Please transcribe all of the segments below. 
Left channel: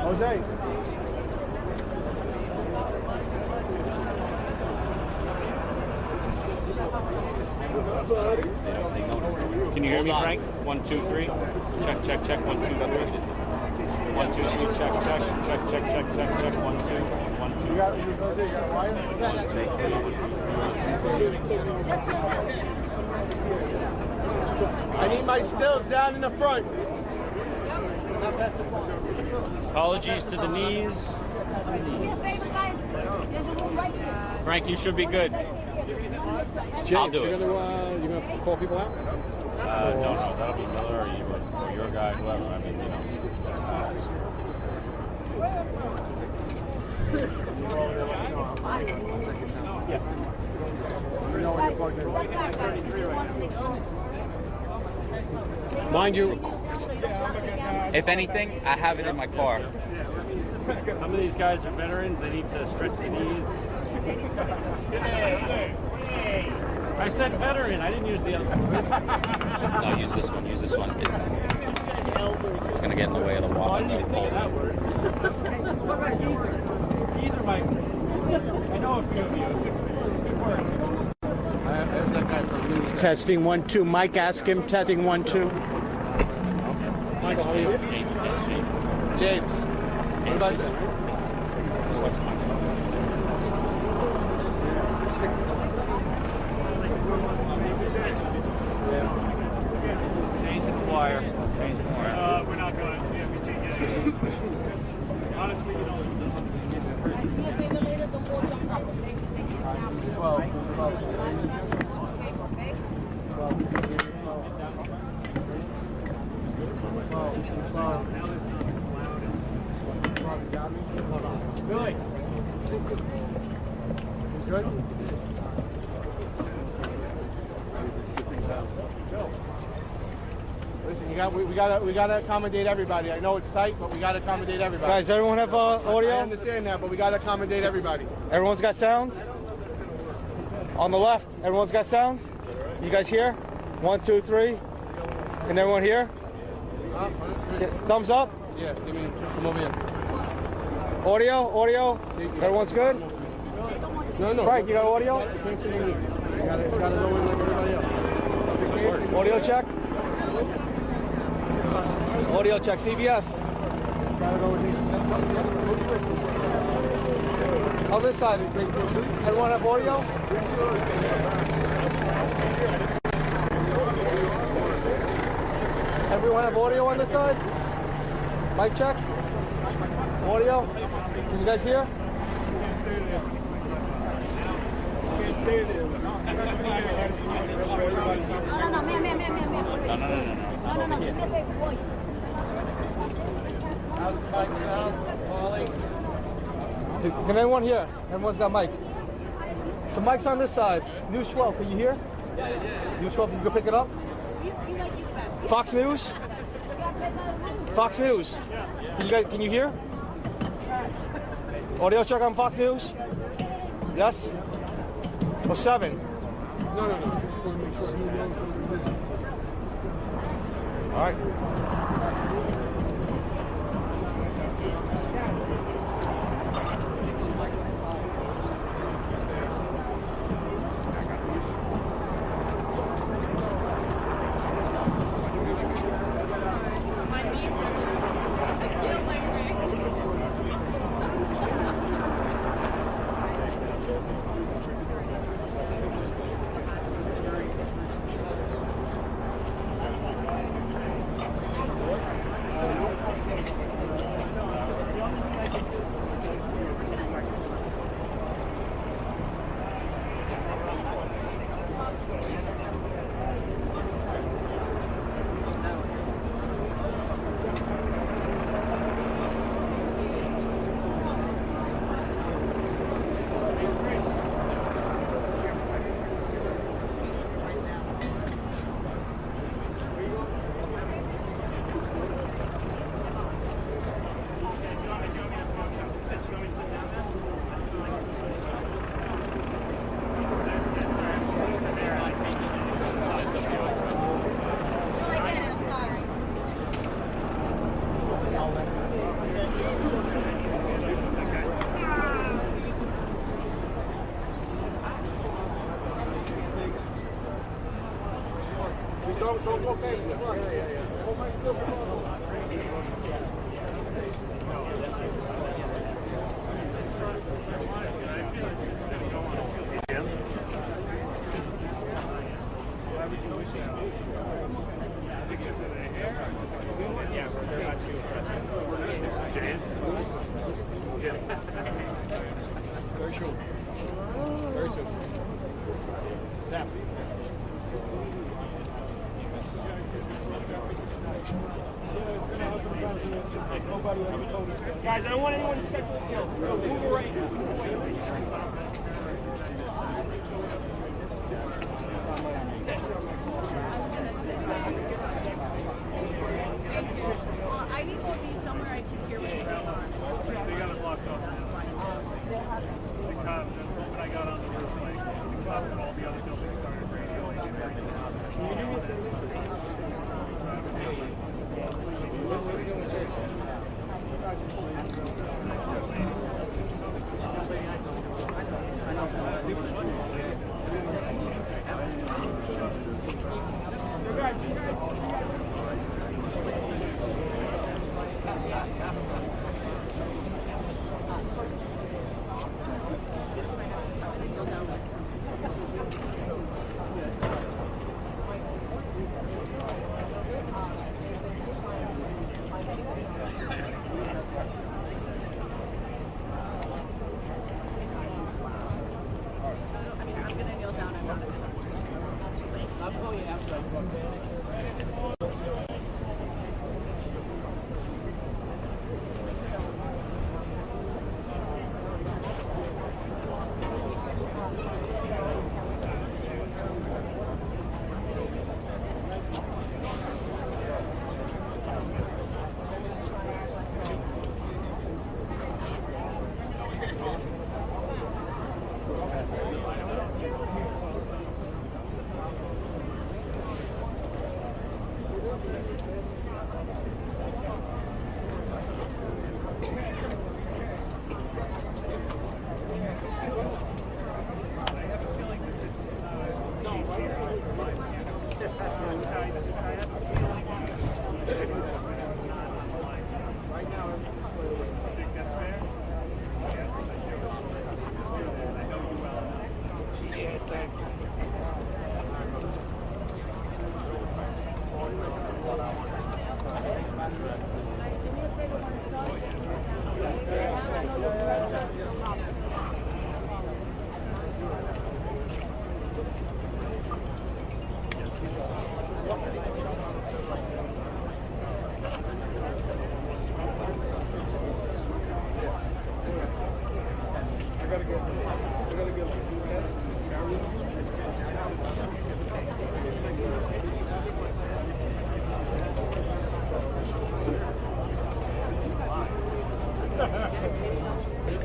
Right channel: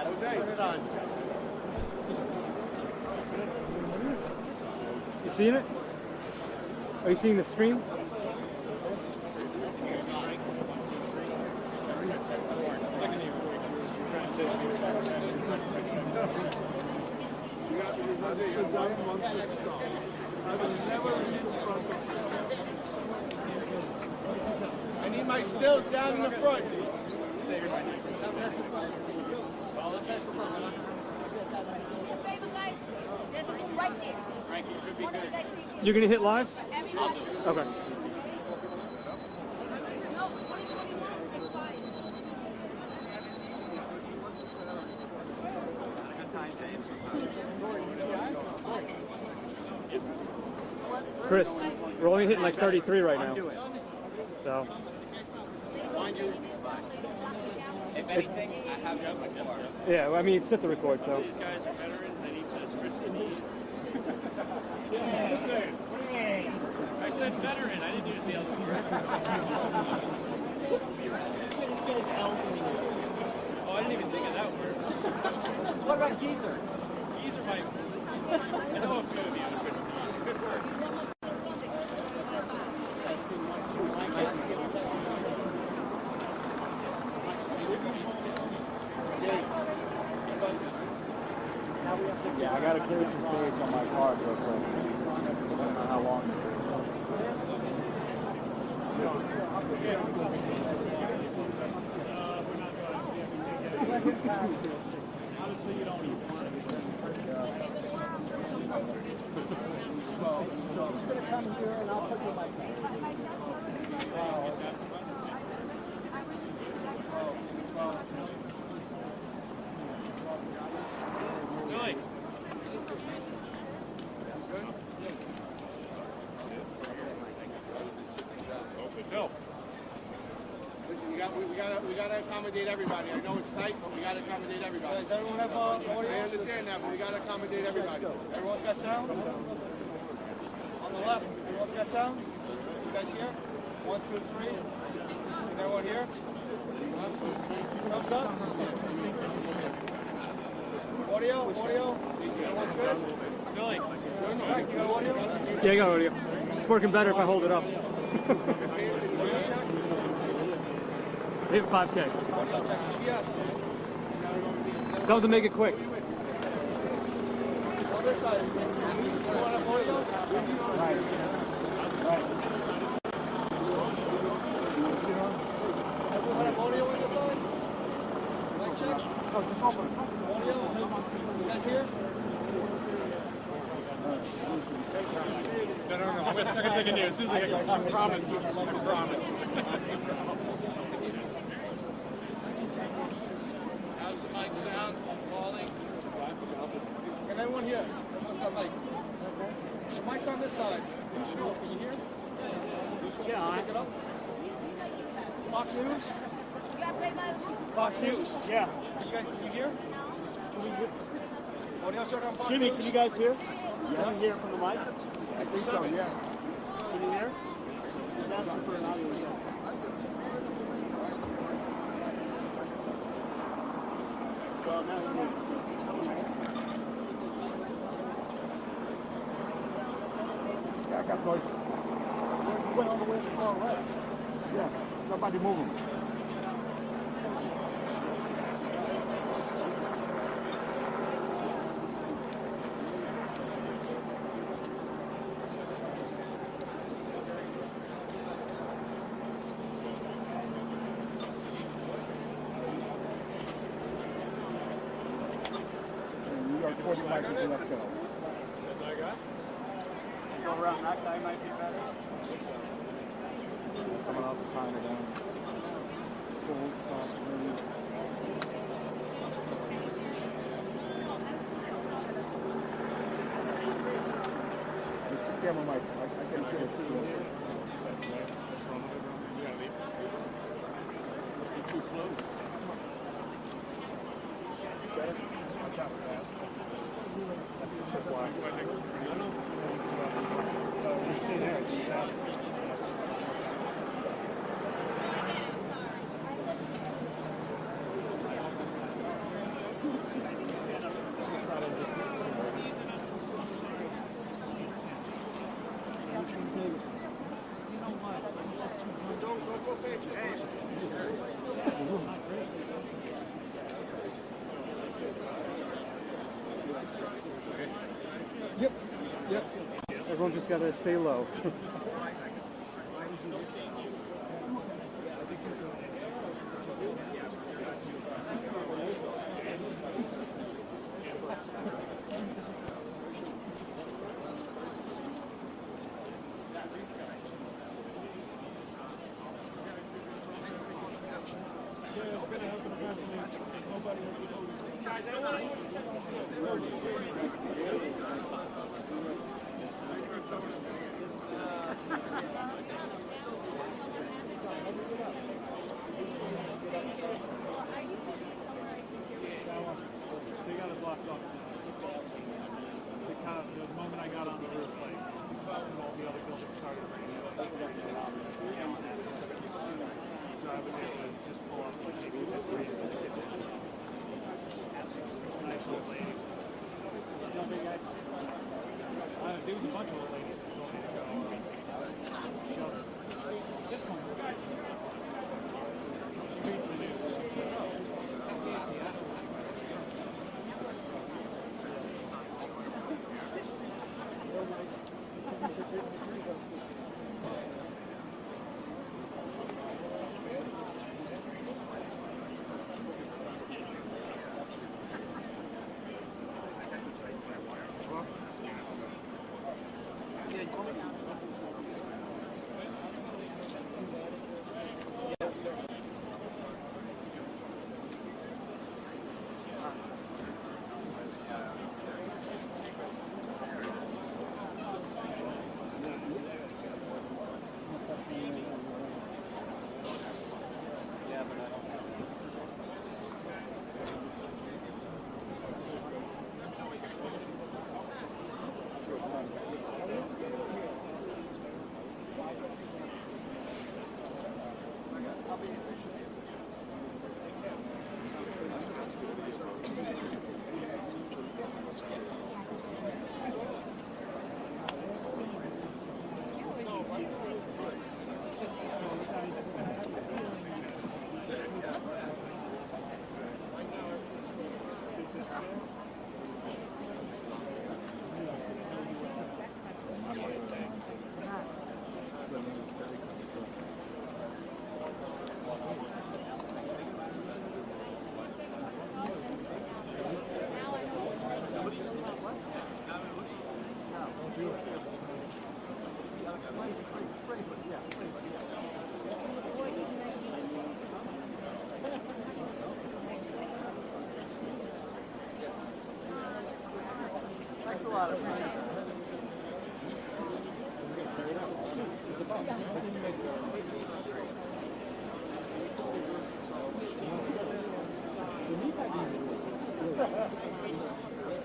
Jose. Seen it? Are you seeing the screen? Can you hear me, Frank? 1, 2, 3. Check, check, check. 1, 2, 3. 1, 2, 3. Check, check, check, check, check, check, check. 1, 2. 1, 2. You got fine? I need my stills down in the front. Apologies to the knees. Frank, you should be good. You're going to hit live? I'll do it. You're going to call people out? No, that'll be Miller or your guy, whoever. I mean, Chris, we're only hitting like 33 right now. So. Mind you, If anything, I have it in my car. yeah, I mean, sit to record. some of these guys are veterans. They need to stretch the knees. I said veteran. I didn't use the other. No, use this one. Use this one. It's gonna get in the way of the Oh, I wall. didn't even think of that word. What about geezer? Geezer mic. I know a few of you. Good word. Testing 1, 2. Mike, ask him. Testing 1, 2. Mike's James. What about that? Change the flyer. We're not going. Yeah, we can't get it. Honestly, you don't Billy. Good? Listen, we gotta accommodate everybody. I know it's tight, but we gotta accommodate everybody. Guys, everyone have audio? I understand that, but we gotta accommodate everybody. Everyone's got sound? On the left, everyone's got sound? You guys hear? 1, 2, 3. Can everyone hear? Thumbs up? Yeah, come over here. Audio? Everyone's good? No. Frank, you got audio? Yeah, I got audio. It's working better if I hold it up. Audio check? Hit 5K. Audio check, CBS. Tell them to make it quick. On this side, everyone have audio? Everyone have audio on this side? Mic check? Audio? Can you guys hear? How's the mic sound, Molly? Can everyone hear? Everyone's got mic. The mic's on this side. News 12, can you hear? News 12, you can pick it up? Fox News? Fox News? Yeah. Can you hear? Audio check on Fox News? You guys here? Yes? Or 7? All right. Yeah, everyone just gotta stay low. Guys, I don't want anyone to check the field. Move right. Well, I need to be somewhere I can hear what you're saying. They got it locked up now. The cop, when I got on the roof, like, the cops and all the other buildings started ringing, like, everything. So I was able to just call. Nice lady.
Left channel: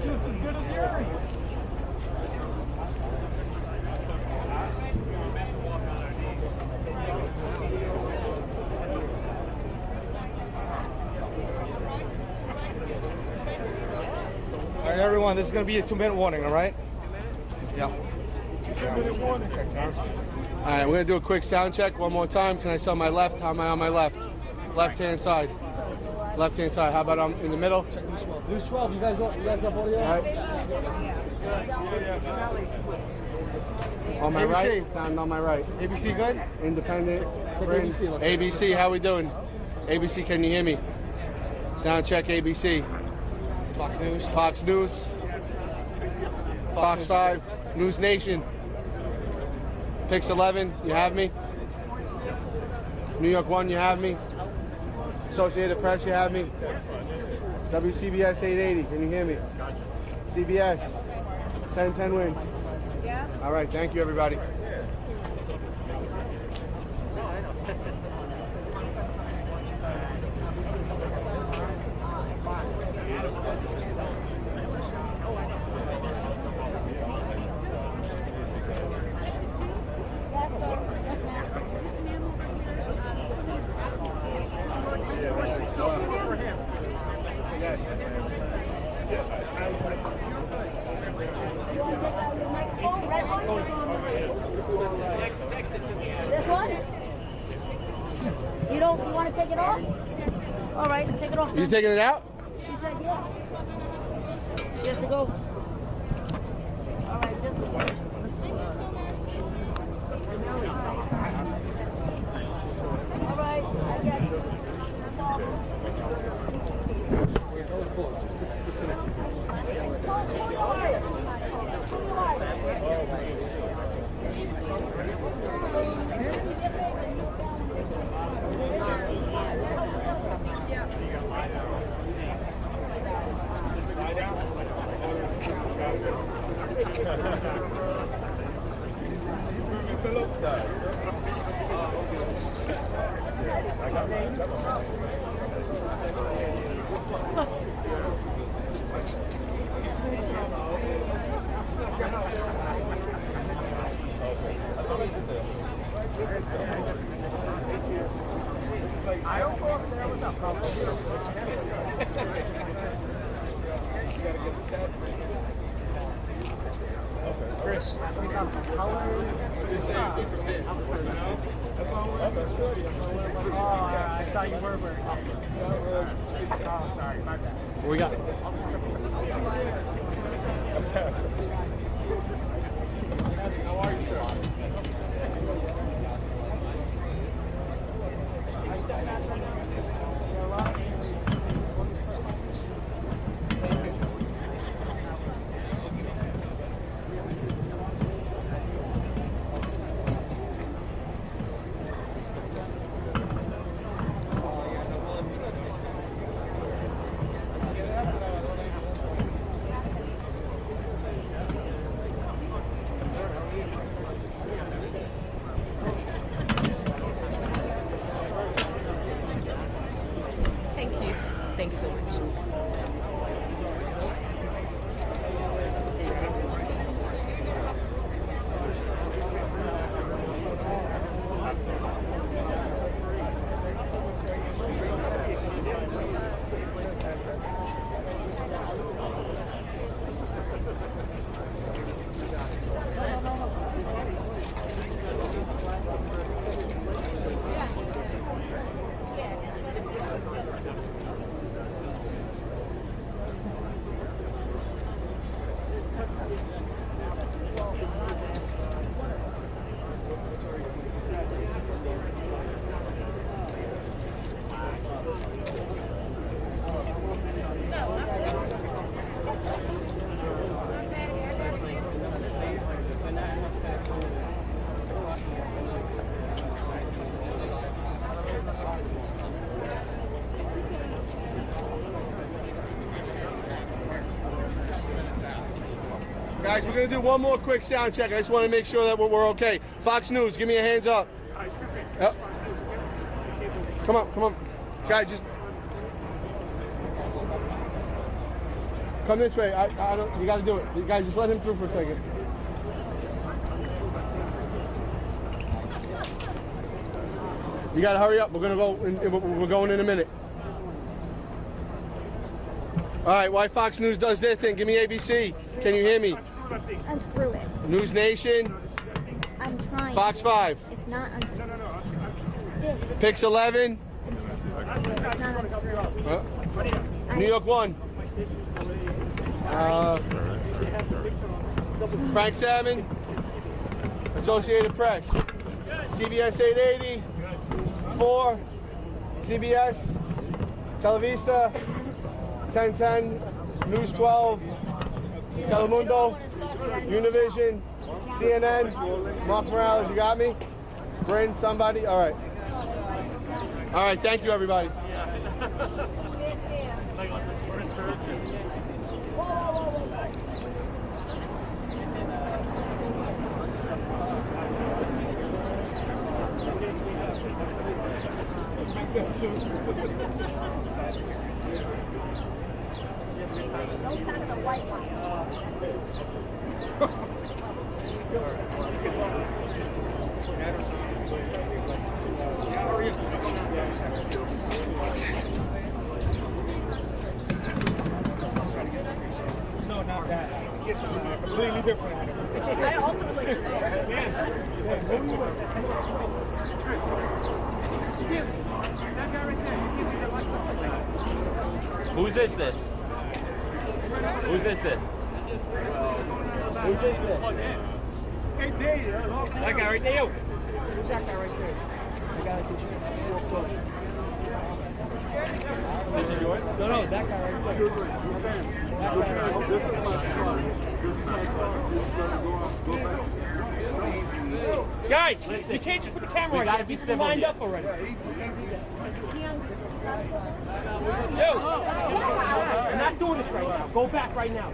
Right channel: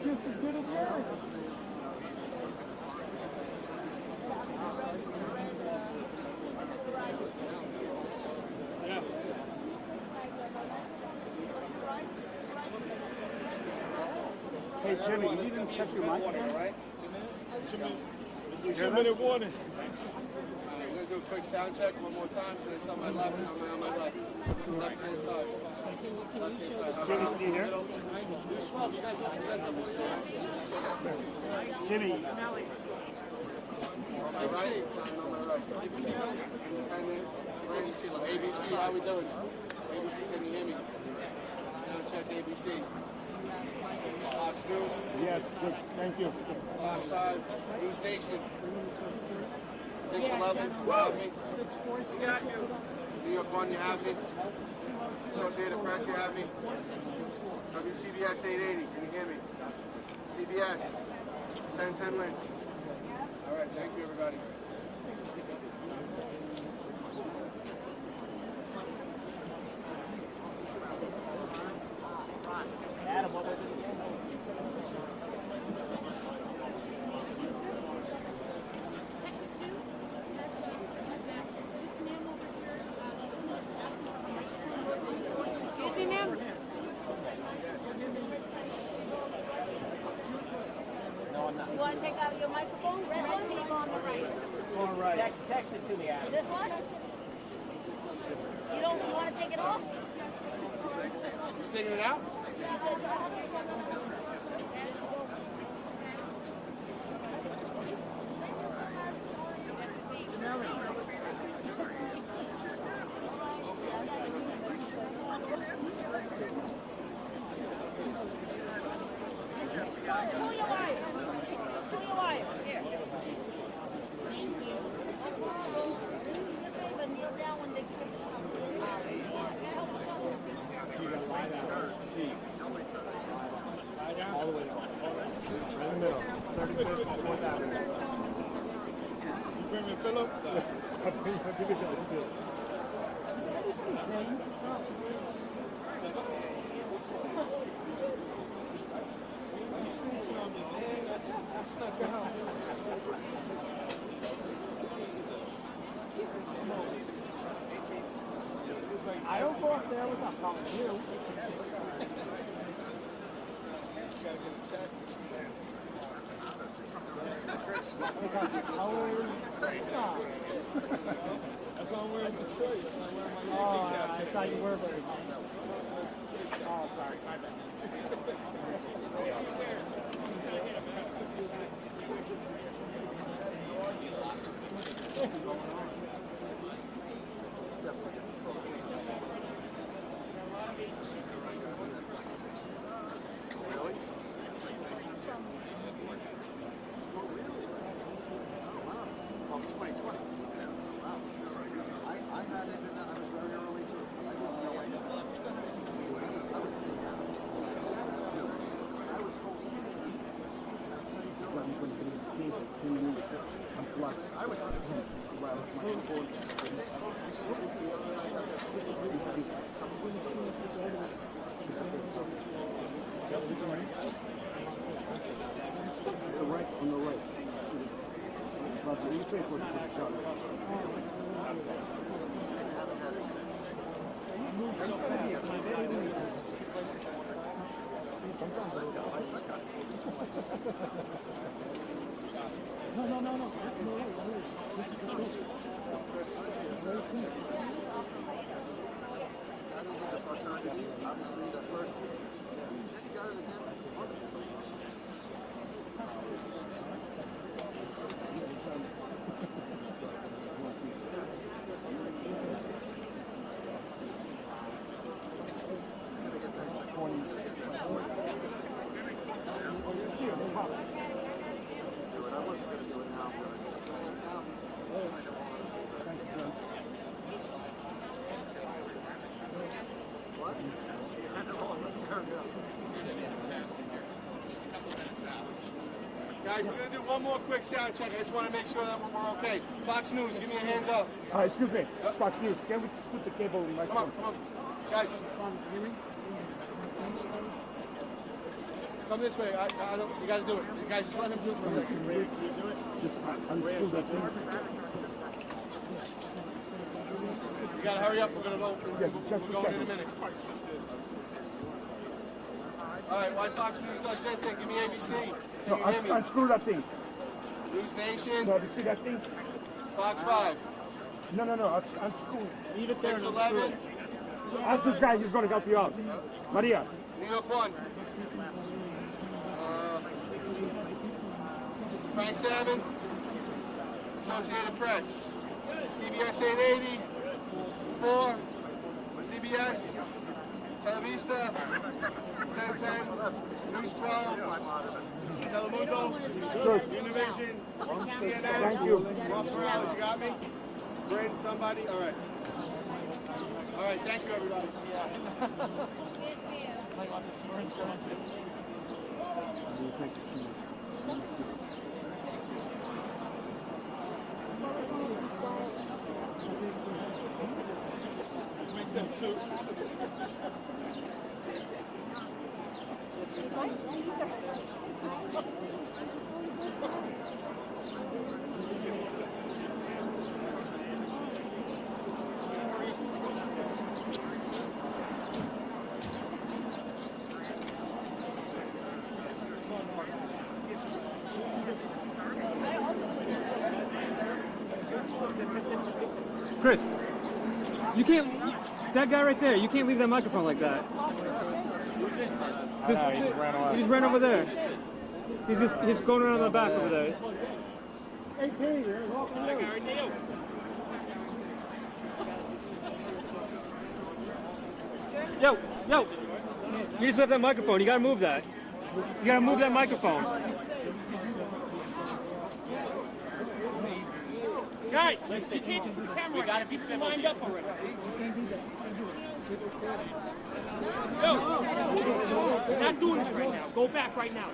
Just as good as yours. All right, everyone, this is going to be a 2-minute warning, all right? Yeah. 2-minute warning. All right, we're going to do a quick sound check one more time. Can I see on my left? How am I on my left? Left-hand side. Left-hand side. How about in the middle? Who's 12? You guys up audio? All right. On my ABC. right? Sound on my right. ABC good? Independent. Check Friends. ABC, look. ABC, how we doing? ABC, can you hear me? Sound check ABC. Fox News. Fox News. Fox 5. News Nation. Pix 11, you have me? New York 1, you have me? Associated Press, you have me? WCBS 880, can you hear me? CBS, 1010 wins. All right, thank you, everybody. You want to take out your microphone? Red one, you on the right. You taking it out? She said yes. You have to go. All right, just Nelly. All right, I got you. Who you are? Who you are? I don't go up there with that problem. We got colors. Oh, I thought you were wearing colors. Oh, sorry, my bad. What we got? Thank you. Thank you so much. Guys, we're going to do one more quick sound check. I just want to make sure that we're okay. Fox News, give me a hands up. Excuse me. Yep. Fox News. The cable. Come on, come on. Guys, just come this way. I don't, you got to do it. You guys, just let him through for a second. You got to hurry up. We're going to go, we're going in a minute. All right, White Fox News does their thing. Give me ABC. Can you hear me? Unscrew that thing. Unscrew it. News Nation, No, you see that thing? I'm trying. Fox 5, It's not unscrewed. No. Unscrew it. Pix 11, Ask this guy. He's going to help you out. Maria. New York 1, Frank 7, Associated Press, CBS 880, 4, CBS, Televista, 1010, News 12, Telemundo, Univision, CNN, Mark Morales, you got me? Bryn, somebody? All right. All right, thank you, everybody. Chris, you can't. That guy right there. You can't leave that microphone like that. Who's this? He's right over there. Who's this? He's going around the back. Hey, Dave, That guy right there. Yo, this is yours. No, you just have that microphone. You gotta move that. You gotta move that microphone. Guys, you can't just put the camera on. You gotta be lined up already. Yo, you're not doing this right now. Go back right now.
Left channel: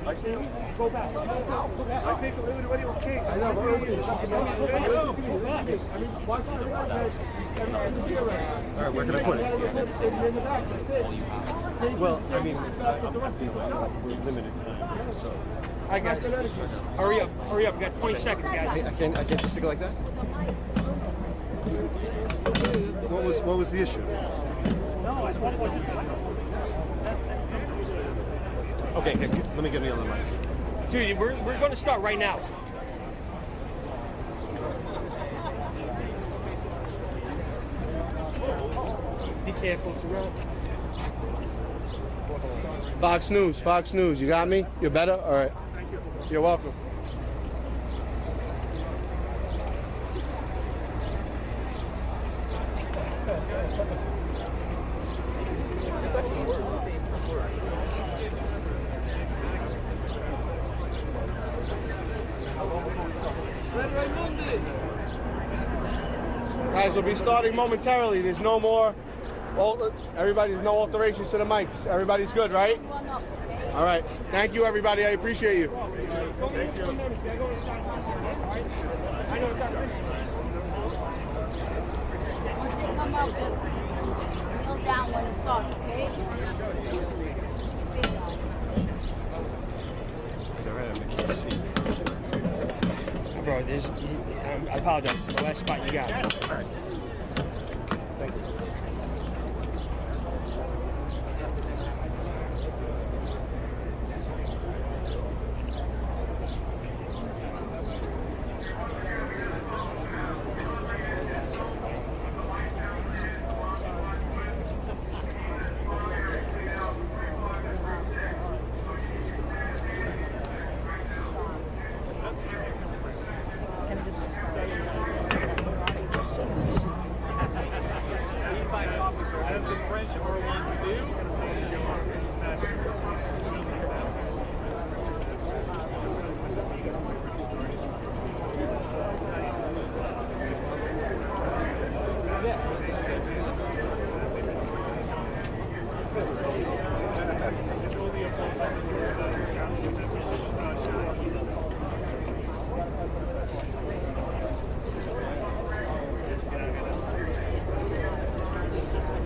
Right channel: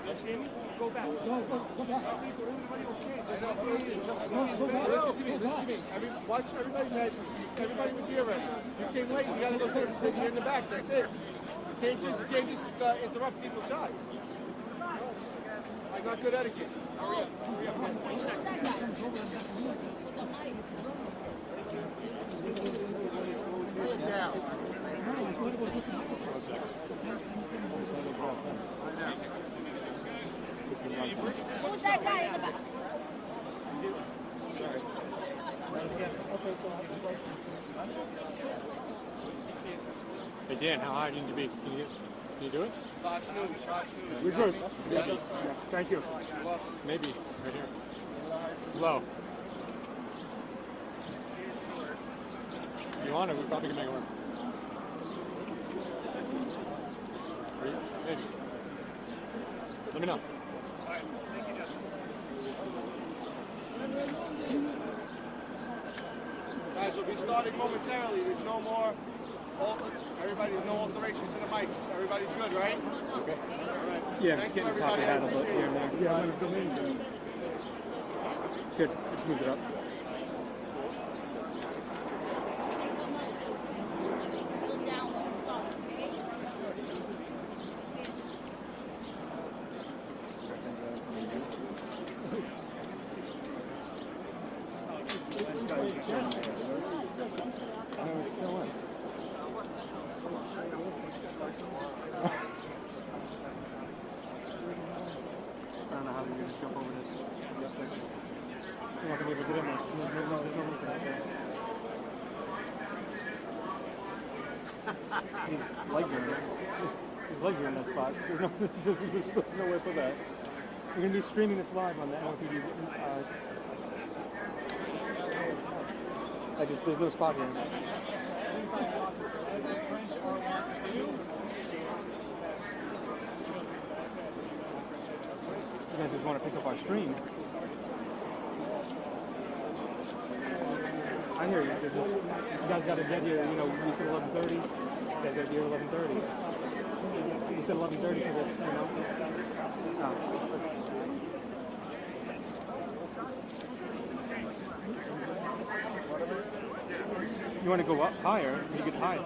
Go back. I think everybody okay. I know, but listen to me. I mean, watch everybody. All right, where can I put it? In the back, that's it. Well, I mean, interrupt people's shots. Limited time, so. I got you. Hurry up. We got 20 seconds, guys. I can't stick it like that? What was the issue? Okay, let me get me on the mic. Dude, we're going to start right now. Be careful. Hey, Dan, how high do you need to be? Fox News. You got me? You're better? All right. Thank you. You're welcome. Maybe. Slow. Guys, we'll be starting momentarily. There's no more. Everybody's no alterations to the mics. Everybody's good, right? All right. Thank you, everybody. I appreciate you. Go down when it starts, okay? Bro, I apologize. It's the last spot you got. You're gonna be streaming this live on that. As the French are wont to do. You want to go up higher? You can higher.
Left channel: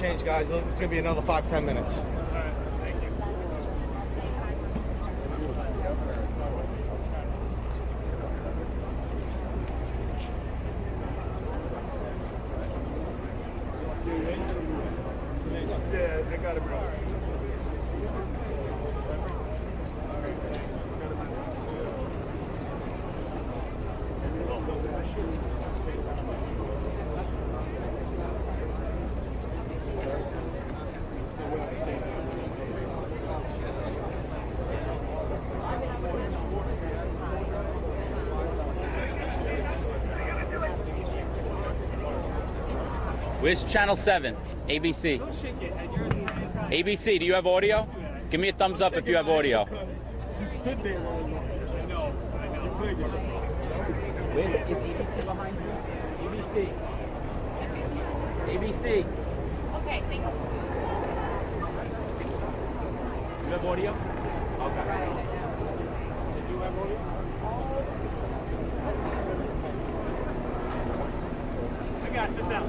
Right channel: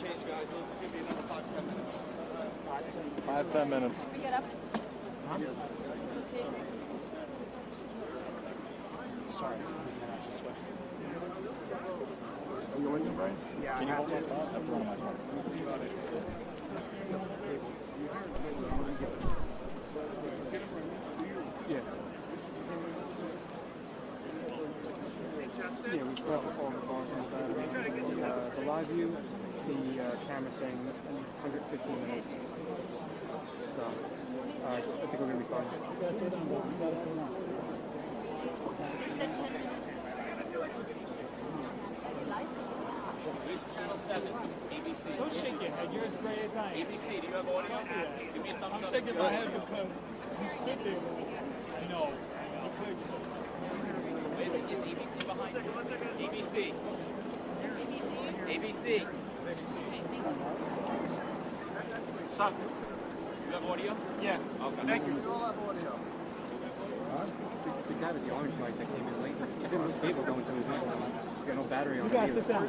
change, guys. It's gonna be another 5-10 minutes. 5-10 minutes. Yeah, I got it, bro. Where's channel 7? ABC. ABC, do you have audio? Give me a thumbs up if you have audio. Where's it? Is ABC behind you? ABC. ABC. Okay, thank you. You have audio? Yeah. Okay. You guys sit down.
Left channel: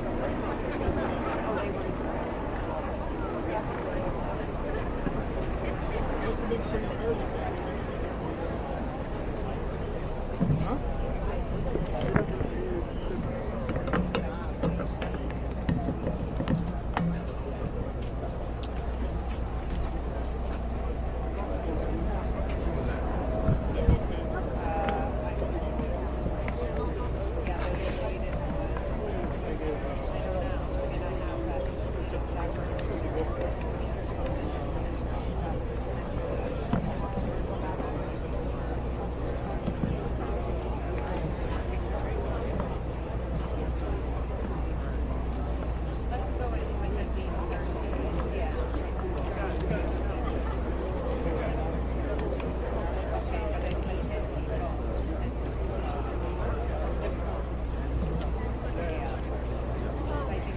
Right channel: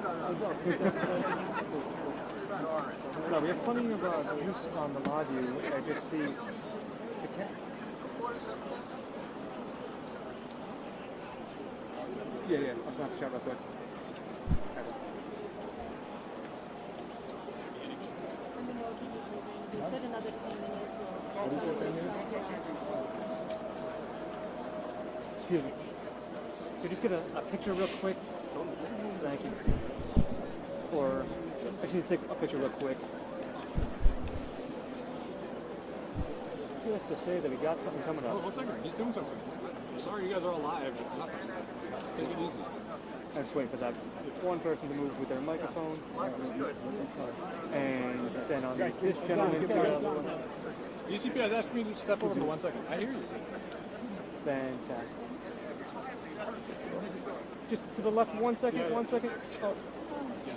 Just to the left, 1 second, 1 second.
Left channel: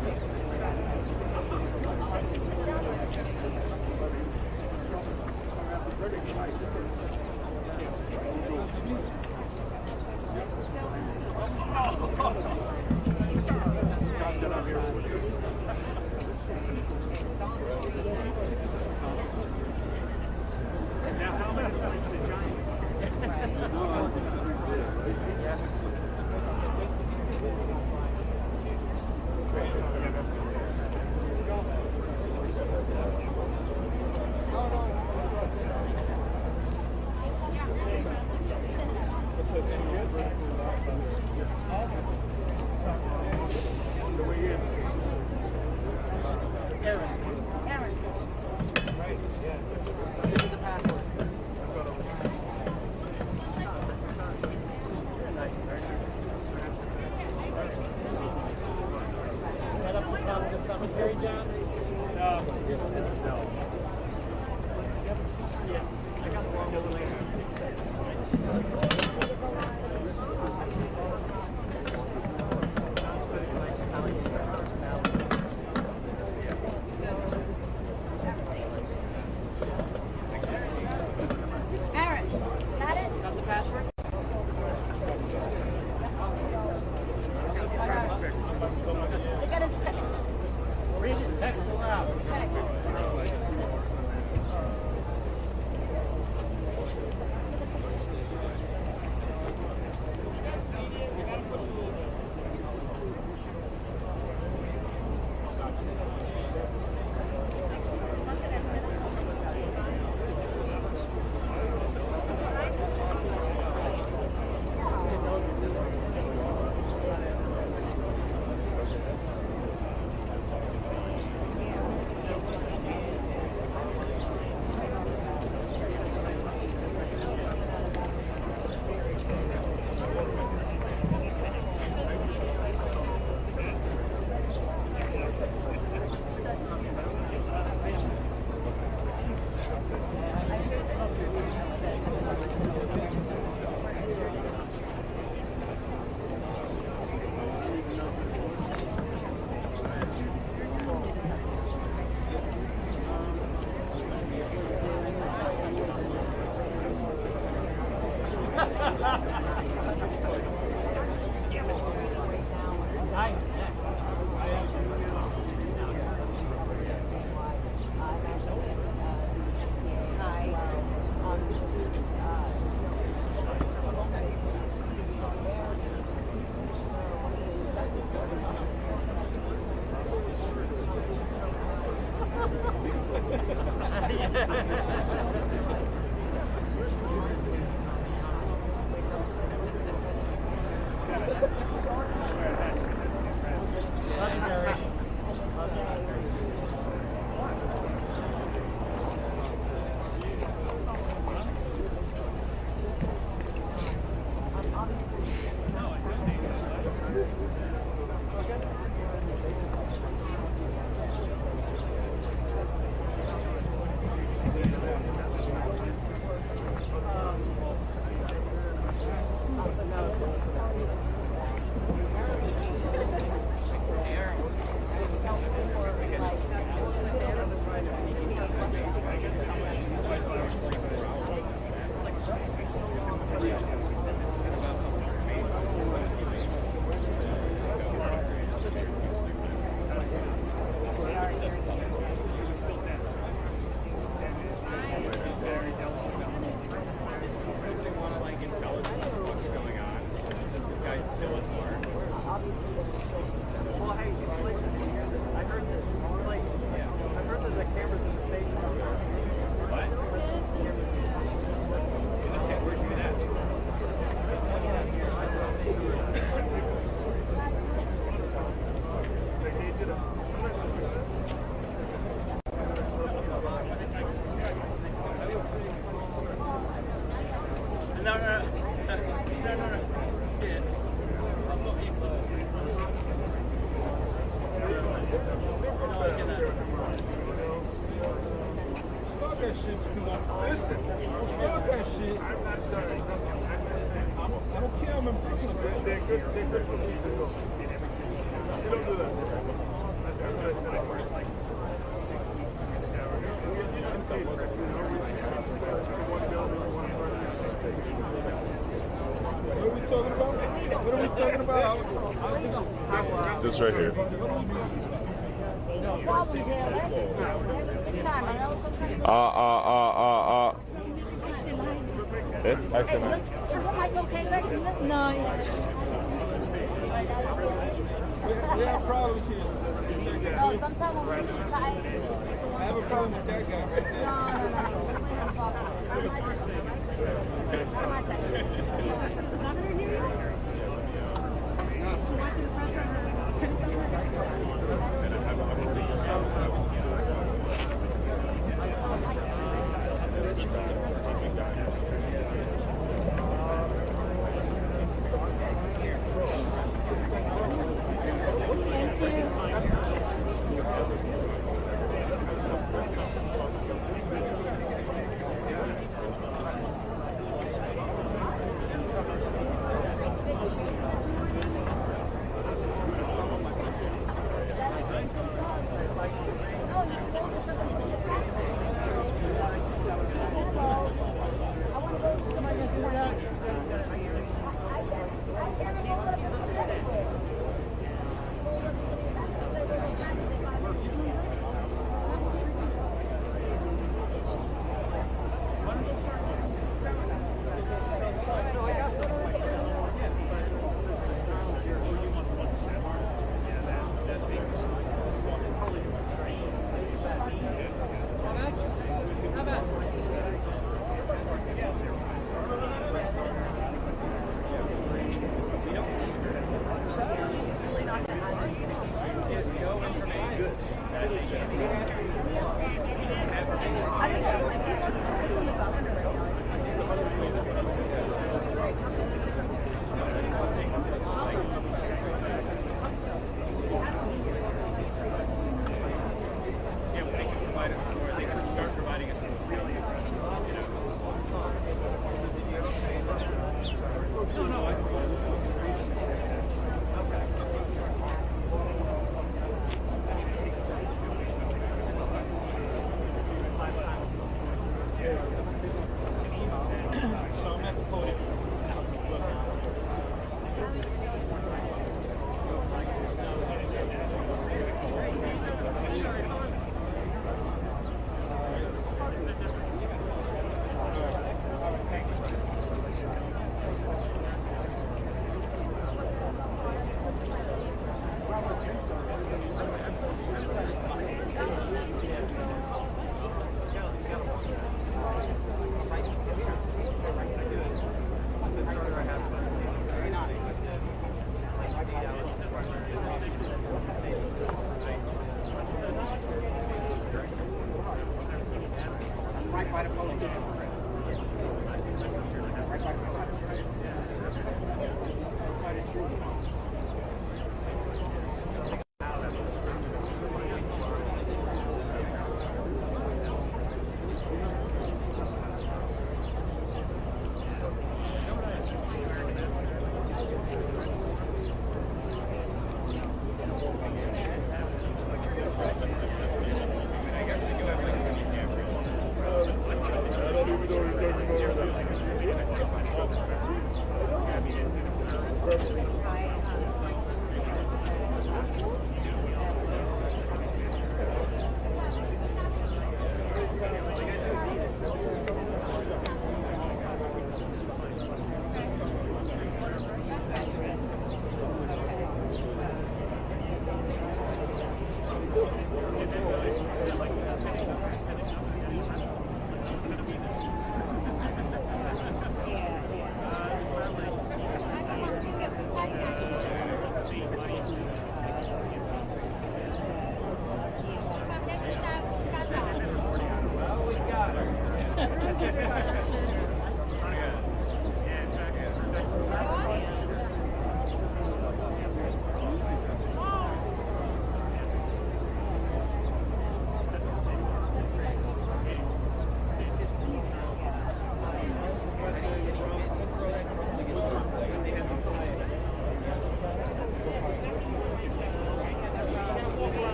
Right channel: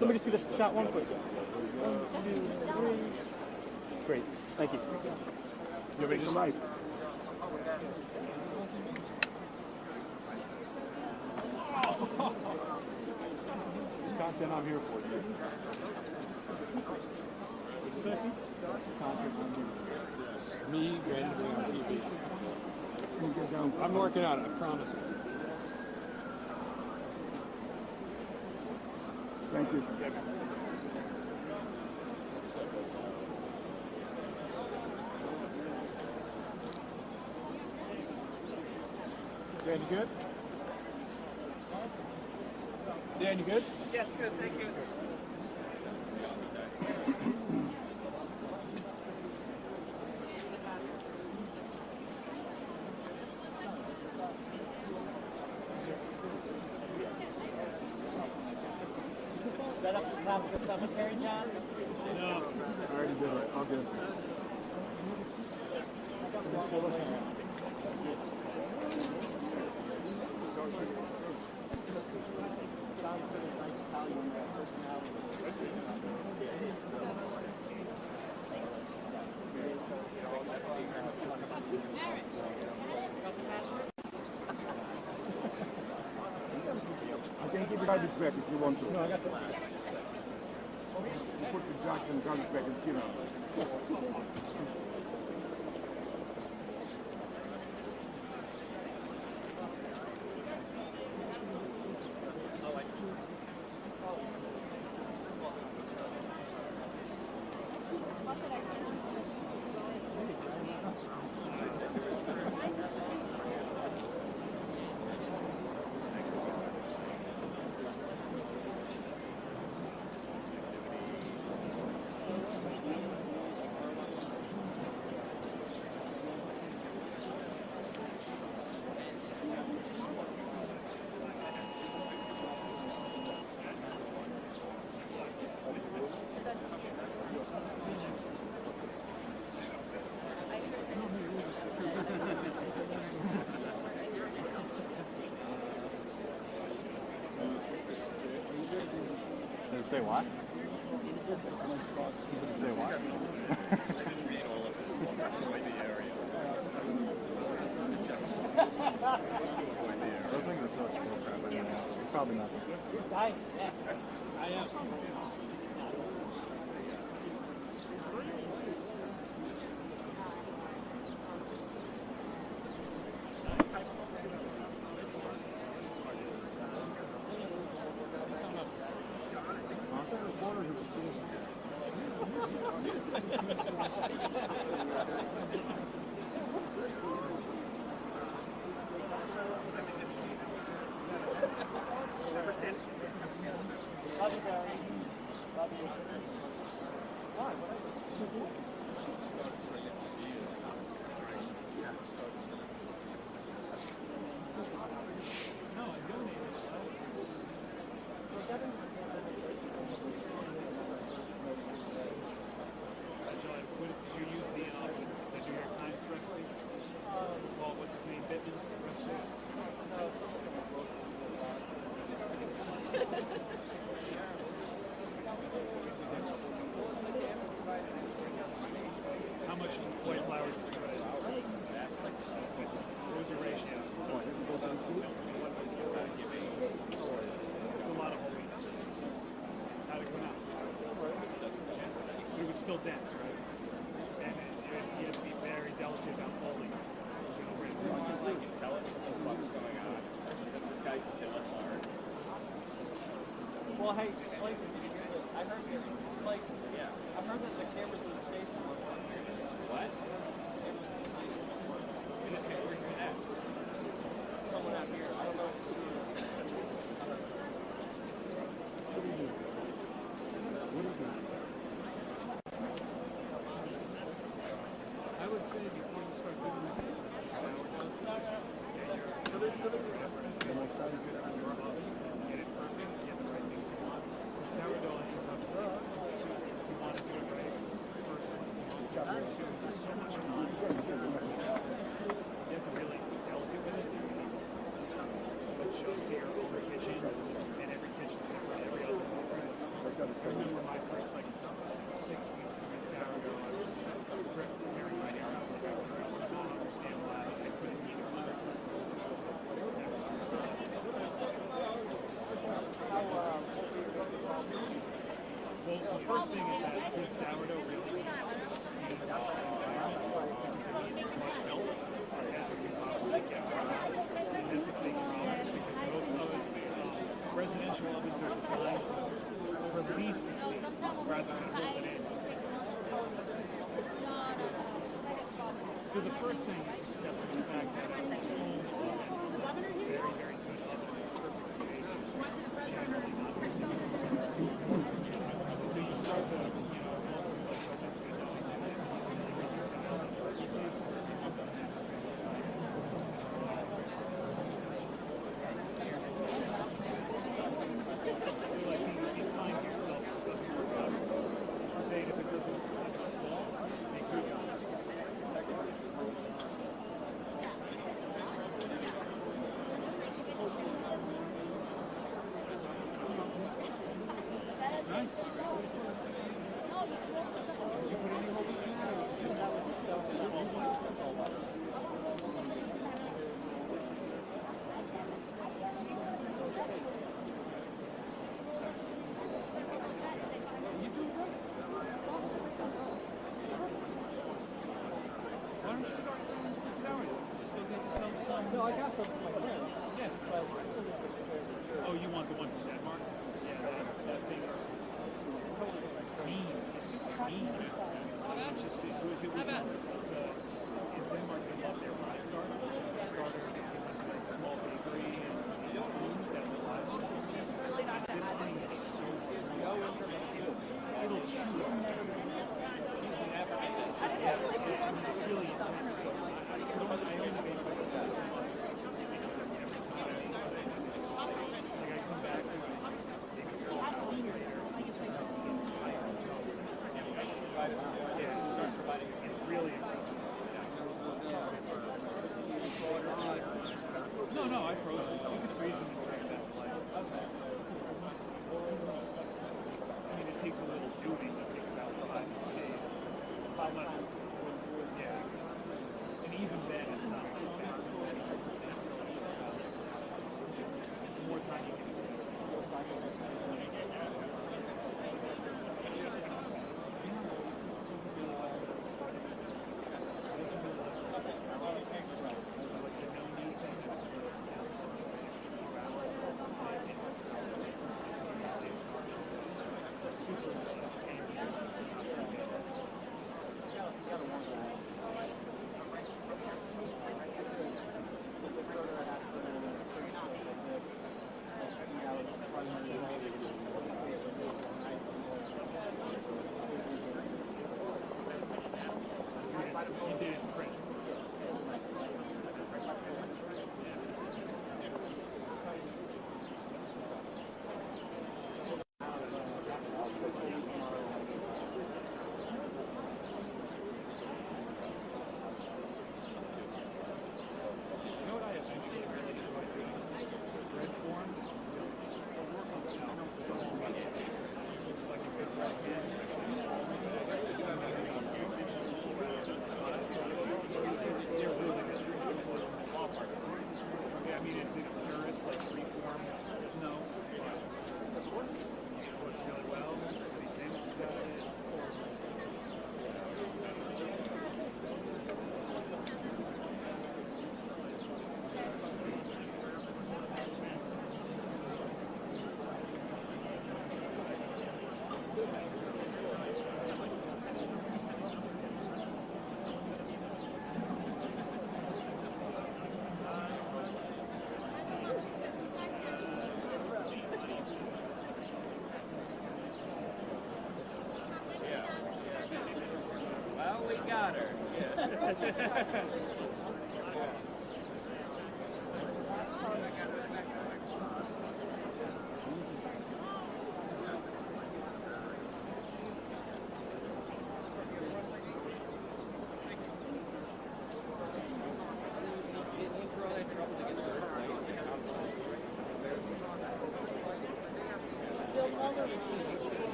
Let me just get a shot one person. Great, thank you. Everybody just like. I'm working on it. Aaron, got it? Got the password? Look at his text. Read his text. Just right here. No, yeah. Oh, sometimes when we're too tired, I have a problem with that guy.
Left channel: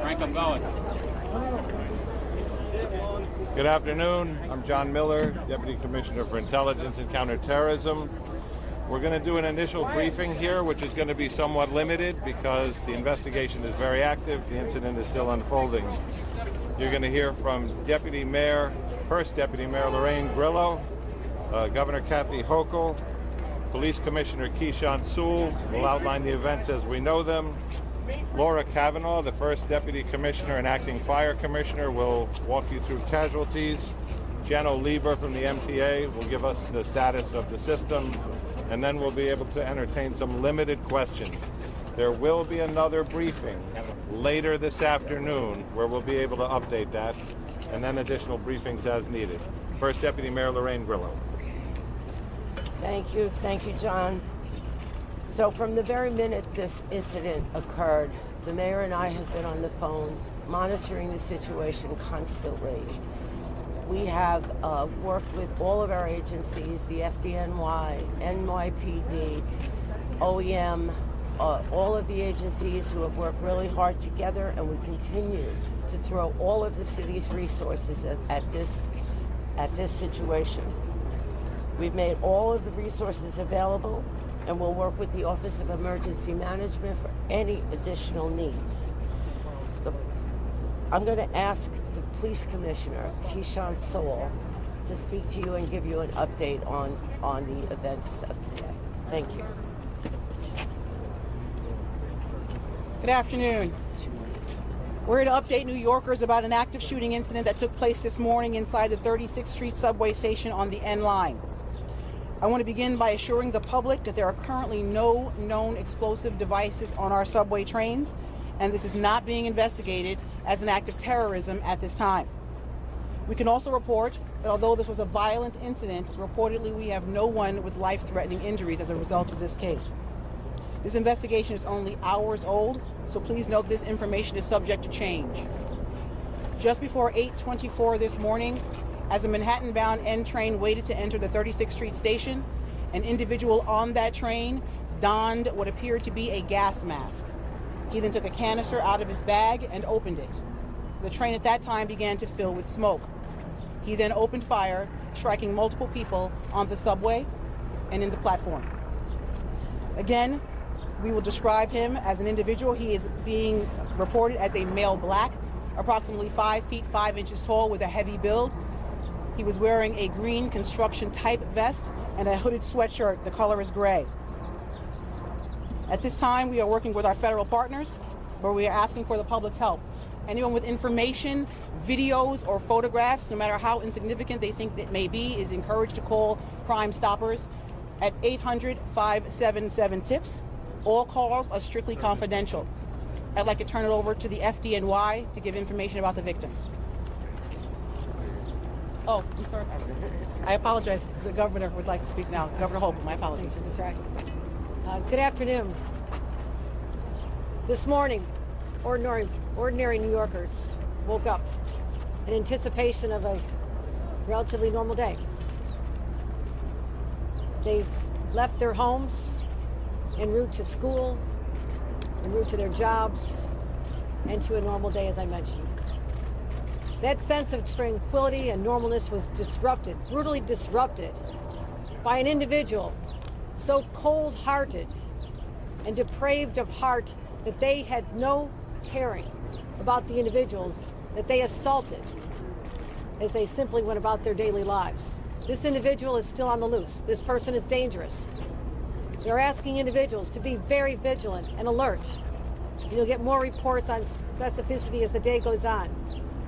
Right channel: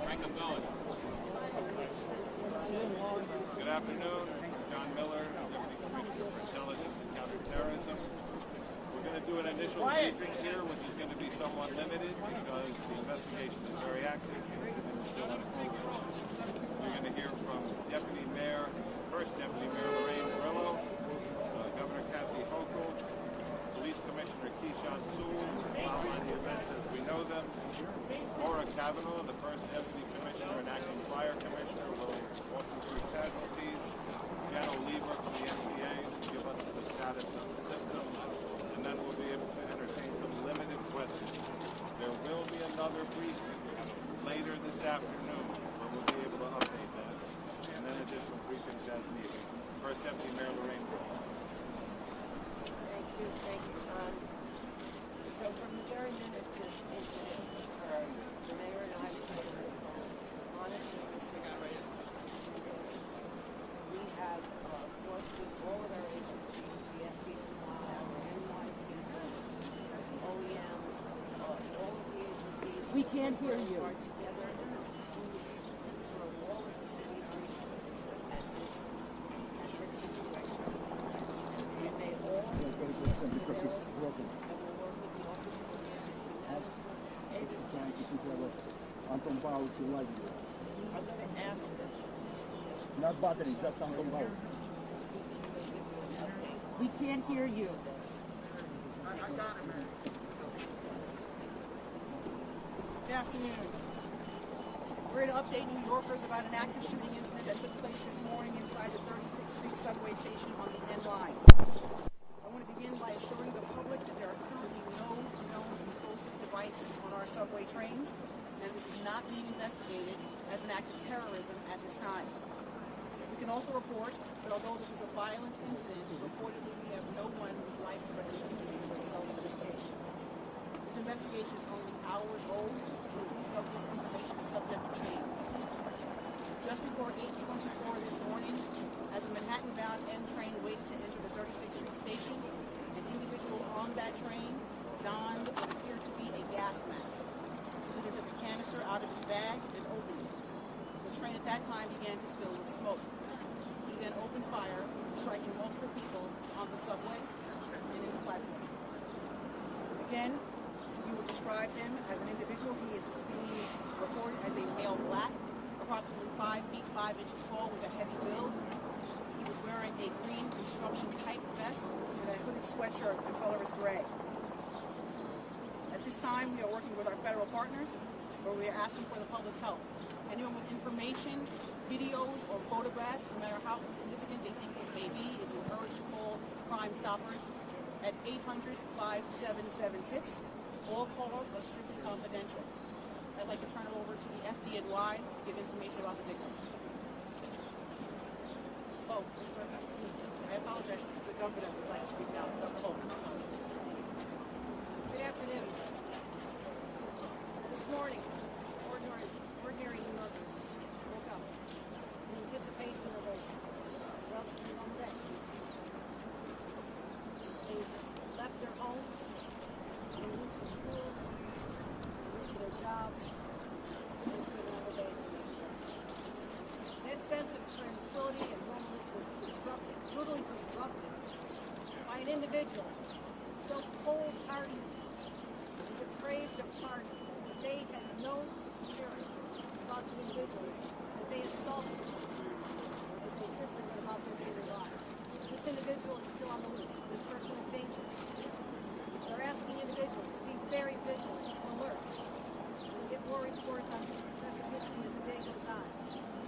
Frank, I'm going. Good afternoon. I'm John Miller, Deputy Commissioner for Intelligence and Counterterrorism. We're going to do an initial briefing here, which is going to be somewhat limited because the investigation is very active. The incident is still unfolding. You're going to hear from First Deputy Mayor Lorraine Grillo, Governor Kathy Hochul, Police Commissioner Keechant Sewell will outline the events as we know them. Laura Kavanaugh, the First Deputy Commissioner and Acting Fire Commissioner, will walk you through casualties. Jano Lieber from the MTA will give us the status of the system, and then we'll be able to entertain some limited questions. There will be another briefing later this afternoon where we'll be able to update that, and then additional briefings as needed. First Deputy Mayor Lorraine Grillo. Thank you, John. So from the very minute this incident occurred, the mayor and I have been on the phone monitoring the situation constantly. We have worked with all of our agencies, the FDNY, NYPD, OEM, all of the agencies who have worked really hard together, and we continue to throw all of the city's resources at this situation. We've made all of the resources available, and we'll work with the Office of Emergency Management for any additional needs. I'm going to ask the Police Commissioner, Keechant Sewell, to speak to you and give you an update on the events of today. Thank you. Good afternoon. We're here to update New Yorkers about an active shooting incident that took place this morning inside the 36th Street subway station on the N line. I want to begin by assuring the public that there are currently no known explosive devices on our subway trains, and this is not being investigated as an act of terrorism at this time. We can also report that although this was a violent incident, reportedly we have no one with life-threatening injuries as a result of this case. This investigation is only hours old, so please note this information is subject to change. Just before 8:24 this morning, as a Manhattan-bound N train waited to enter the 36th Street station, an individual on that train donned what appeared to be a gas mask. He then took a canister out of his bag and opened it. The train at that time began to fill with smoke. He then opened fire, striking multiple people on the subway and in the platform. Again, we will describe him as an individual. He is being reported as a male black, approximately 5 feet 5 inches tall with a heavy build. He was wearing a green construction type vest and a hooded sweatshirt. The color is gray. At this time, we are working with our federal partners, where we are asking for the public's help. Anyone with information, videos, or photographs, no matter how insignificant they think it may be, is encouraged to call Crime Stoppers at 800-577-TIPS. All calls are strictly confidential. I'd like to turn it over to the FDNY to give information about the victims. Oh, I'm sorry. I apologize. The governor would like to speak now. Governor Hochul, my apologies. That's right. Good afternoon. This morning, ordinary New Yorkers woke up in anticipation of a relatively normal day. They left their homes en route to school, en route to their jobs, and to a normal day, as I mentioned. That sense of tranquility and normalness was disrupted, brutally disrupted, by an individual so cold-hearted and depraved of heart that they had no caring about the individuals that they assaulted as they simply went about their daily lives. This individual is still on the loose. This person is dangerous. They're asking individuals to be very vigilant and alert. You'll get more reports on specificity as the day goes on.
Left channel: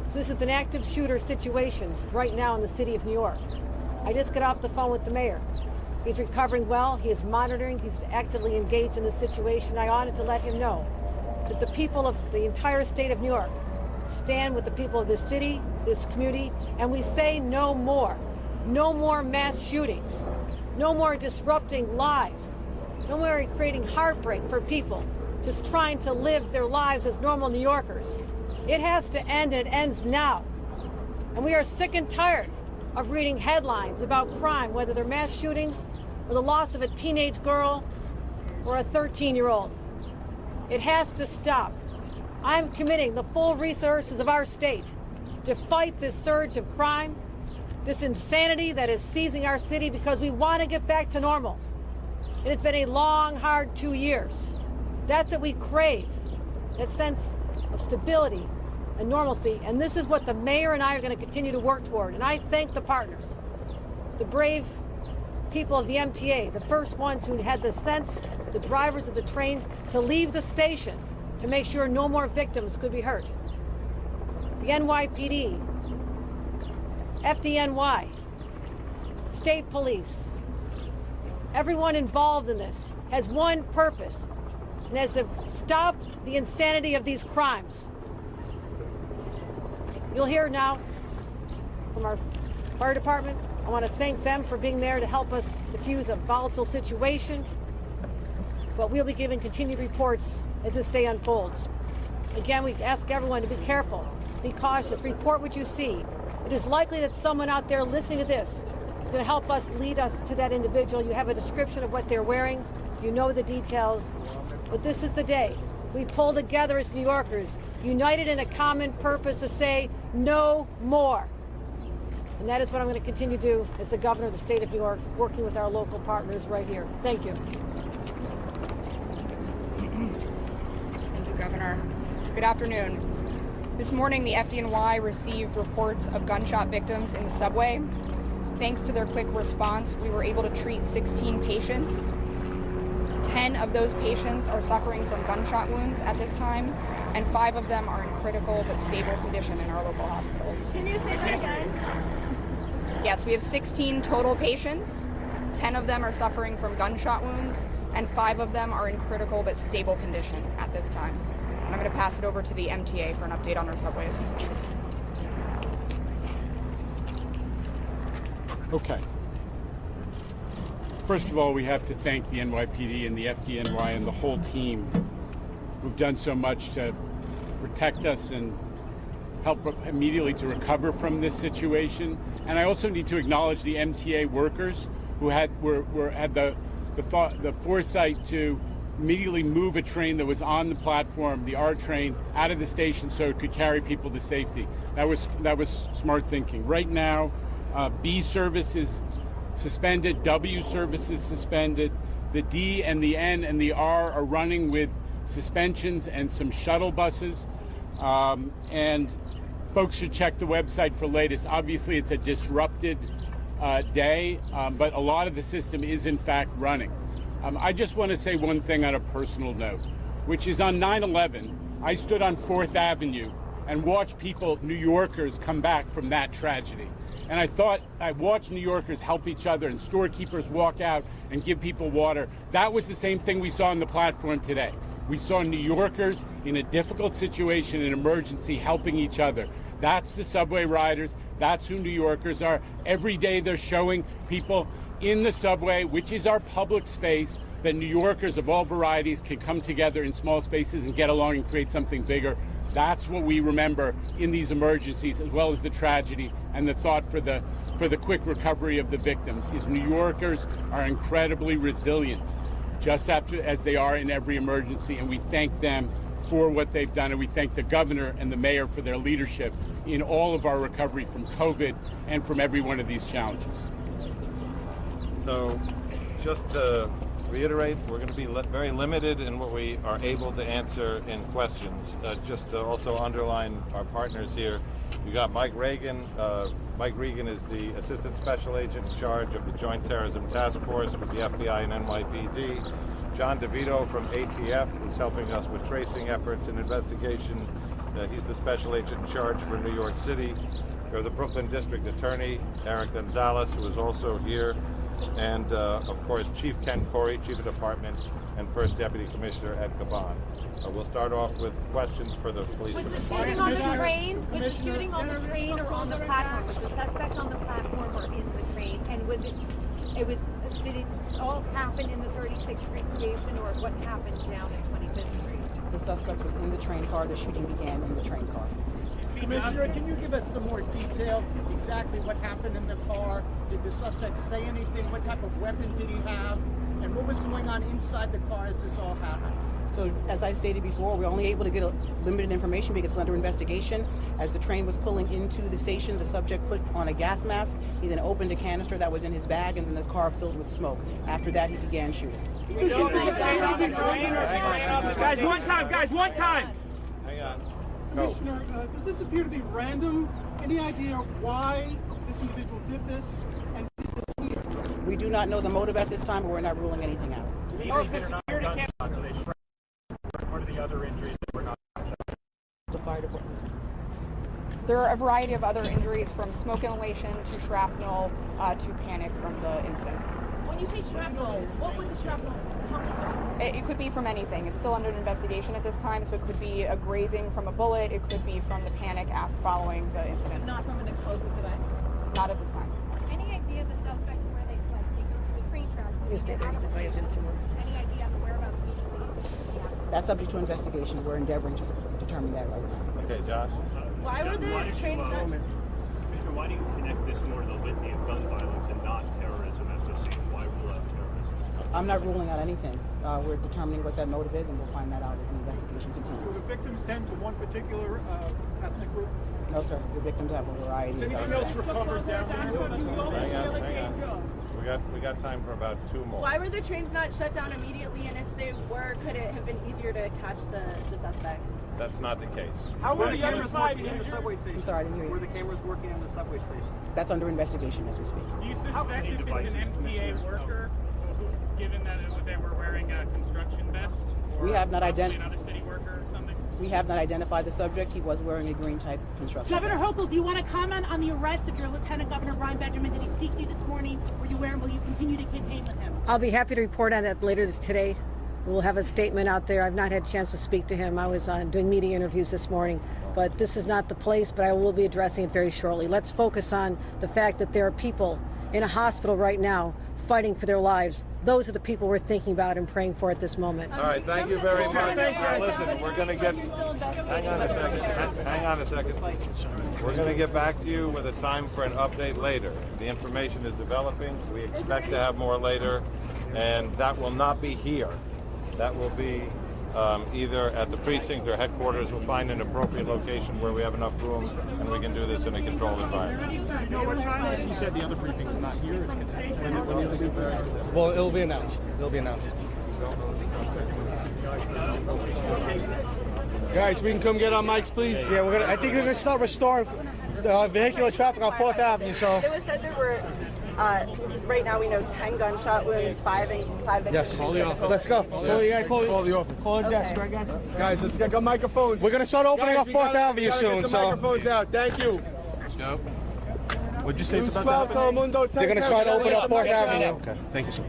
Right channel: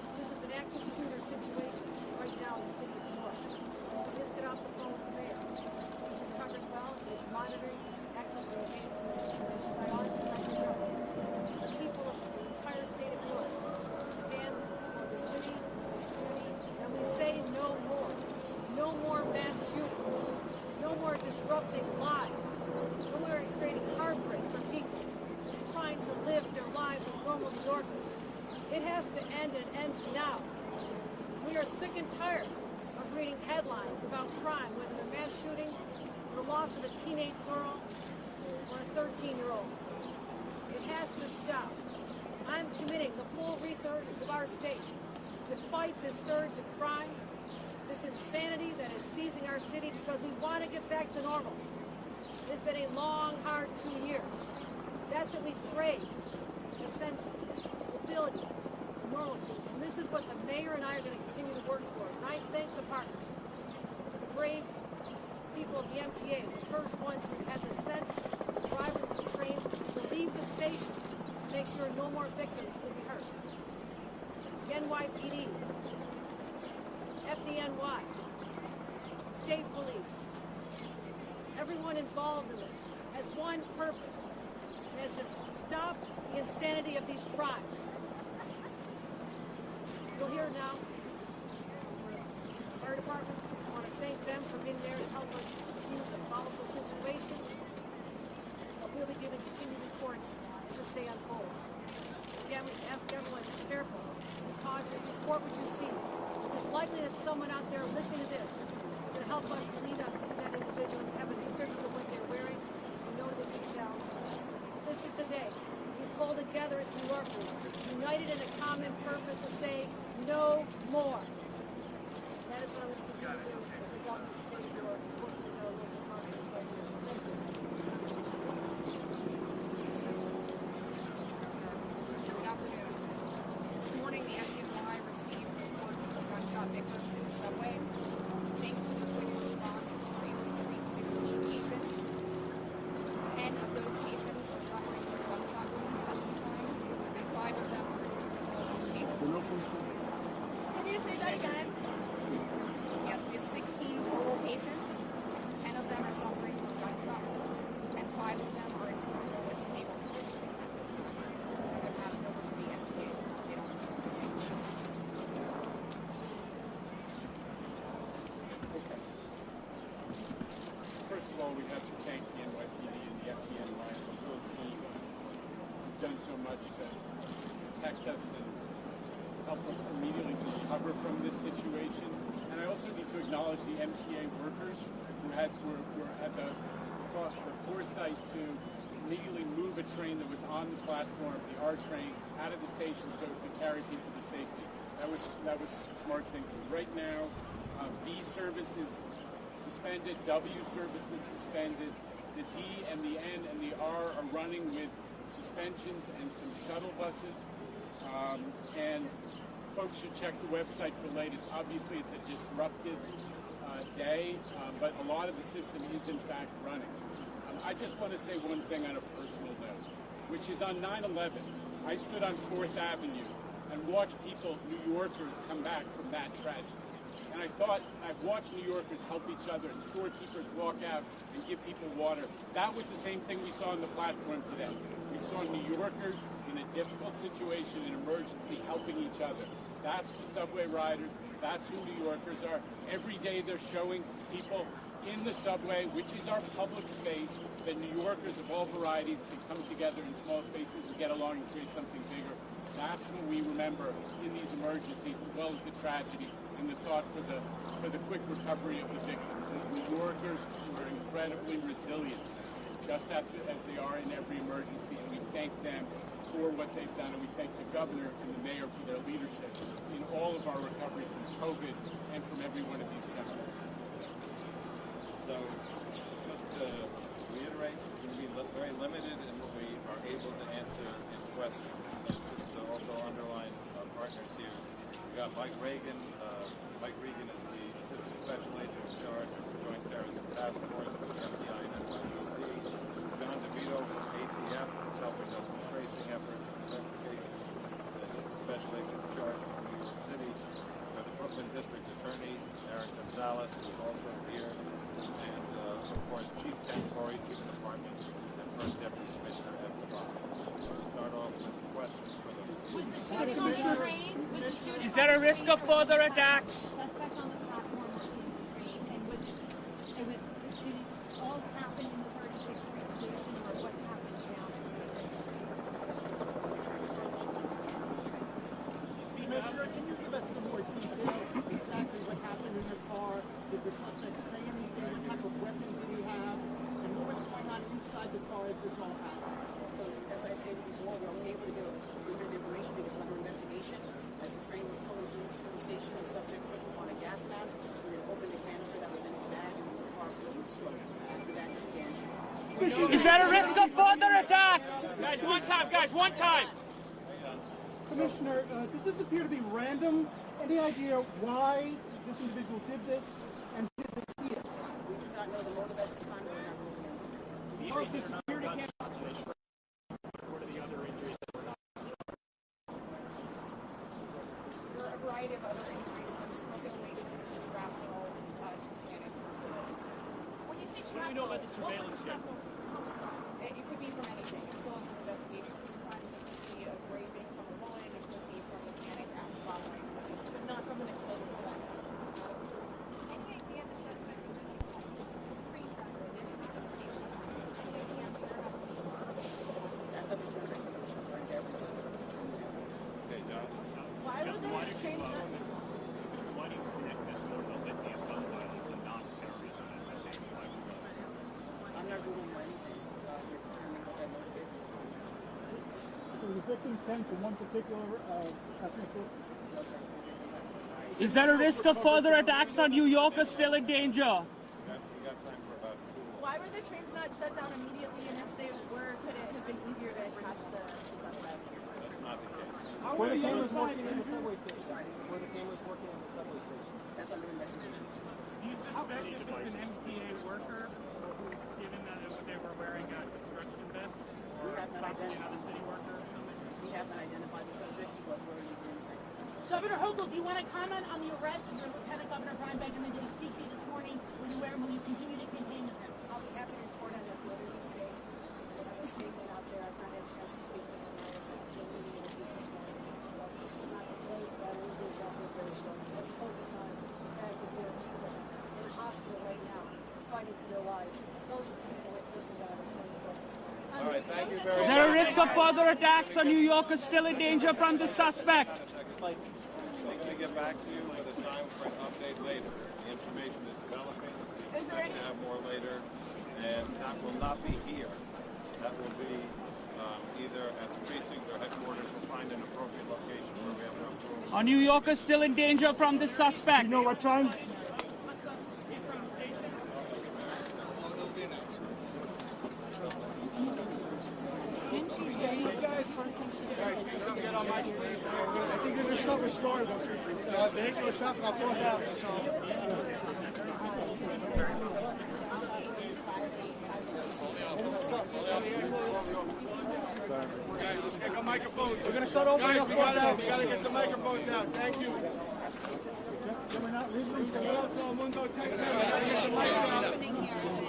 So this is an active shooter situation right now in the city of New York. I just got off the phone with the mayor. He's recovering well. He is monitoring. He's actively engaged in the situation. I wanted to let him know that the people of the entire state of New York stand with the people of this city, this community, and we say no more. No more mass shootings. No more disrupting lives. No more creating heartbreak for people just trying to live their lives as normal New Yorkers. It has to end, and it ends now. And we are sick and tired of reading headlines about crime, whether they're mass shootings or the loss of a teenage girl or a 13-year-old. It has to stop. I'm committing the full resources of our state to fight this surge of crime, this insanity that is seizing our city, because we want to get back to normal. It has been a long, hard 2 years. That's what we crave, that sense of stability and normalcy. And this is what the mayor and I are going to continue to work toward. And I thank the partners, the brave people of the MTA, the first ones who had the sense, the drivers of the trains, to leave the station to make sure no more victims could be hurt. The NYPD, FDNY, state police, everyone involved in this has one purpose, and that's to stop the insanity of these crimes. You'll hear now from our fire department. I want to thank them for being there to help us diffuse a volatile situation, but we'll be giving continued reports as this day unfolds. Again, we ask everyone to be careful, be cautious, report what you see. It is likely that someone out there listening to this is going to help us lead us to that individual. You have a description of what they're wearing, you know the details, but this is the day we pull together as New Yorkers, united in a common purpose to say no more. And that is what I'm going to continue to do as the governor of the state of New York, working with our local partners right here. Thank you. Thank you, Governor. Good afternoon. This morning, the FDNY received reports of gunshot victims in the subway. Thanks to their quick response, we were able to treat 16 patients. 10 of those patients are suffering from gunshot wounds at this time, and 5 of them are in critical but stable condition in our local hospitals. Can you say that again? Yes, we have 16 total patients. 10 of them are suffering from gunshot wounds, and 5 of them are in critical but stable condition at this time. And I'm going to pass it over to the MTA for an update on their subways. Okay. First of all, we have to thank the NYPD and the FDNY and the whole team who've done so much to protect us and help immediately to recover from this situation. And I also need to acknowledge the MTA workers who had the foresight to immediately move a train that was on the platform, the R train, out of the station so it could carry people to safety. That was smart thinking. Right now, B service is suspended, W service is suspended. The D and the N and the R are running with suspensions and some shuttle buses. And folks should check the website for latest. Obviously, it's a disrupted day, but a lot of the system is in fact running. I just want to say one thing on a personal note, which is on 9/11, I stood on 4th Avenue and watched people, New Yorkers, come back from that tragedy. And I watched New Yorkers help each other and storekeepers walk out and give people water. That was the same thing we saw on the platform today. We saw New Yorkers in a difficult situation, an emergency, helping each other. That's the subway riders. That's who New Yorkers are. Every day they're showing people in the subway, which is our public space, that New Yorkers of all varieties can come together in small spaces and get along and create something bigger. That's what we remember in these emergencies, as well as the tragedy and the thought for the quick recovery of the victims. Is New Yorkers are incredibly resilient, just as they are in every emergency, and we thank them for what they've done, and we thank the governor and the mayor for their leadership in all of our recovery from COVID and from every one of these challenges. So, just to reiterate, we're going to be very limited in what we are able to answer in questions. Just to also underline our partners here, we got Mike Regan. Mike Regan is the Assistant Special Agent in charge of the Joint Terrorism Task Force with the FBI and NYPD. John DeVito from ATF, who's helping us with tracing efforts and investigation. He's the Special Agent in charge for New York City. We have the Brooklyn District Attorney, Eric Gonzalez, who is also here. And, of course, Chief Ken Corey, Chief of Department, and First Deputy Commissioner Ed Caban. We'll start off with questions for the police. Was the shooting on the train? Was the shooting Is there a risk of further attacks? The suspect on the platform or in the train, and did it all happen in the 36th Street station, or what happened down at 25th Street? The suspect was in the train car. The shooting began in the train car. Commissioner, can you give us some more detail exactly what happened in the car? Did the suspect say anything? What type of weapon did he have? And what was going on inside the car as this all happened? So, as I stated before, we're only able to get limited information because it's under investigation. As the train was pulling into the station, the subject put on a gas mask. He then opened a canister that was in his bag, and then the car filled with smoke. After that, he began shooting. Is that a risk of further attacks? Guys, one time, guys, one time! Hang on. Commissioner, does this appear to be random? Any idea why this individual did this and did this here? We do not know the motive at this time, but we're not ruling anything out. What are the other injuries that were not? The fire department. There are a variety of other injuries, from smoke inhalation to shrapnel to panic from the incident. When you say shrapnel, what would the shrapnel come from? It could be from anything. It's still under investigation at this time, so it could be a grazing from a bullet. It could be from the panic after following the incident. Not from an explosive device. Not at this time. Any idea the suspect where they fled? The train tracks. Any idea of the whereabouts? That's subject to investigation. We're endeavoring to determine that right now. Okay, Josh. Why were the trains not? Commissioner, why do you connect this more to the litany of gun violence and not terrorism as this seems why we love terrorism? I'm not ruling out anything. We're determining what that motive is, and we'll find that out as the investigation continues. Do victims tend to one particular ethnic group? No, sir. The victims have a variety. Is there a risk of further attacks on New York or still in danger? We got time for about 2 more. Why were the trains not shut down immediately? And if they were, could it have been easier to catch the suspect? That's not the case. How were the other side injured? I'm sorry, I didn't hear you. Were the cameras working on the subway station? That's under investigation as we speak. Do you suspect it was an MTA worker, given that they were wearing a construction vest? We have not identified. Another city worker or something? We have not identified the subject. He was wearing a green type construction Governor vest. Hochul, do you want to comment on the arrest of your Lieutenant Governor Brian Benjamin? Did he speak to you this morning? Were you aware, and will you continue to campaign with him? I'll be happy to report on that later today. We'll have a statement out there. I've not had a chance to speak to him. I was doing media interviews this morning, but this is not the place, but I will be addressing it very shortly. Let's focus on the fact that there are people in a hospital right now fighting for their lives. Those are the people we're thinking about and praying for at this moment. All right, thank you very much. Is there a risk of further attacks on New York or still in danger from the suspect? Hang on a second. We're going to get back to you with a time for an update later. The information is developing. We expect to have more later, and that will not be here. That will be either at the precinct or headquarters. We'll find an appropriate location where we have enough room. Are New Yorkers still in danger from the suspect? You said the other briefing was not here. Well, it'll be announced. It'll be announced. Guys, we can come get our mics, please. Yeah, I think we're gonna start restoring vehicular traffic on 4th Avenue. So. It was said there were. Right now we know 10 gunshot wounds, 5 victims. Yes. Let's go. Call the desk. Guys, let's get our microphones. We're gonna start opening up 4th Avenue soon. So. Microphones out. Thank you. Let's go. What'd you say about that? They're gonna start opening up 4th Avenue. Okay, thank you.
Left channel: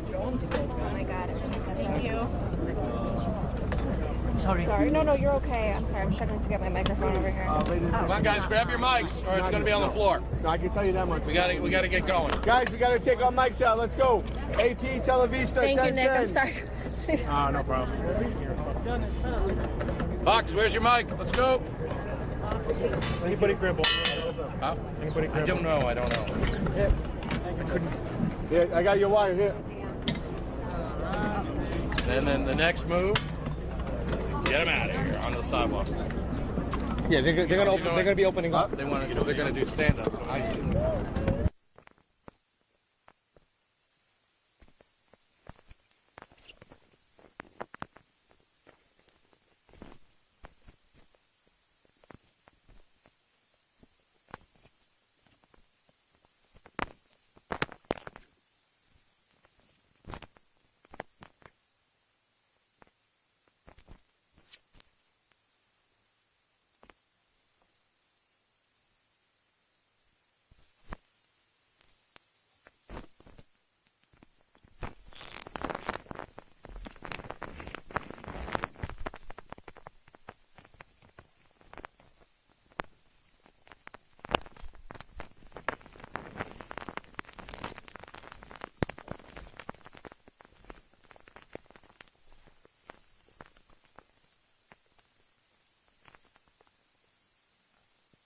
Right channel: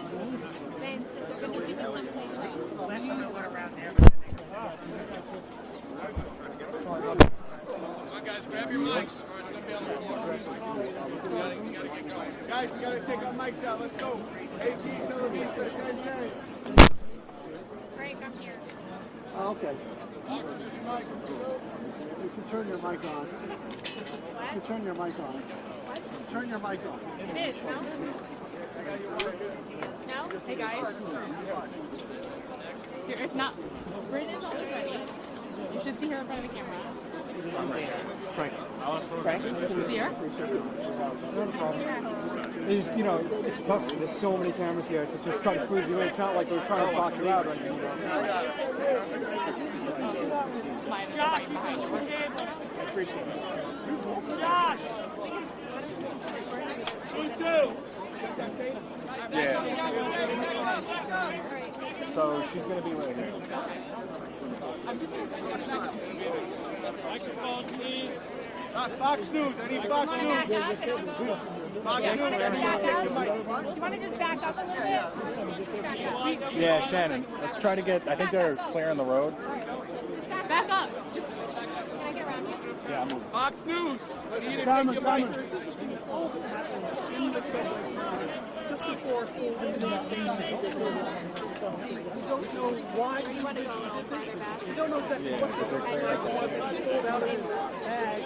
Sorry. No, you're okay. I'm sorry. I'm struggling to get my microphone over here. Come on, guys, grab your mics, or it's going to be on the floor. I can tell you that much. We got to get going. Guys, we got to take our mics out. Let's go. AP, Televista. Thank you, Nick. I'm sorry. No problem. Fox, where's your mic? Let's go. Anybody Grimble? I don't know. Yeah, I got your wire here. And then the next move, get them out of here on the sidewalk. Yeah, they're gonna be opening up. They're gonna do stand. It's, it's tough. There's so many cameras here. It's just trying to squeeze you in. It's not like we're trying to talk you out or anything. Josh, I appreciate it. Josh! Me too! Yeah. So she's going to be right here. Microphone, please. Fox News. I need Fox News. Fox News. Do you want to just back up a little bit? Yeah, Shannon. Let's try to get. I think they're clearing the road. Back up. Just, can I get around you? Yeah, I'm moving. Fox News. What are you going to take your mic? Just before we don't know why he did this. We don't know exactly what this is. Pulled out of his bag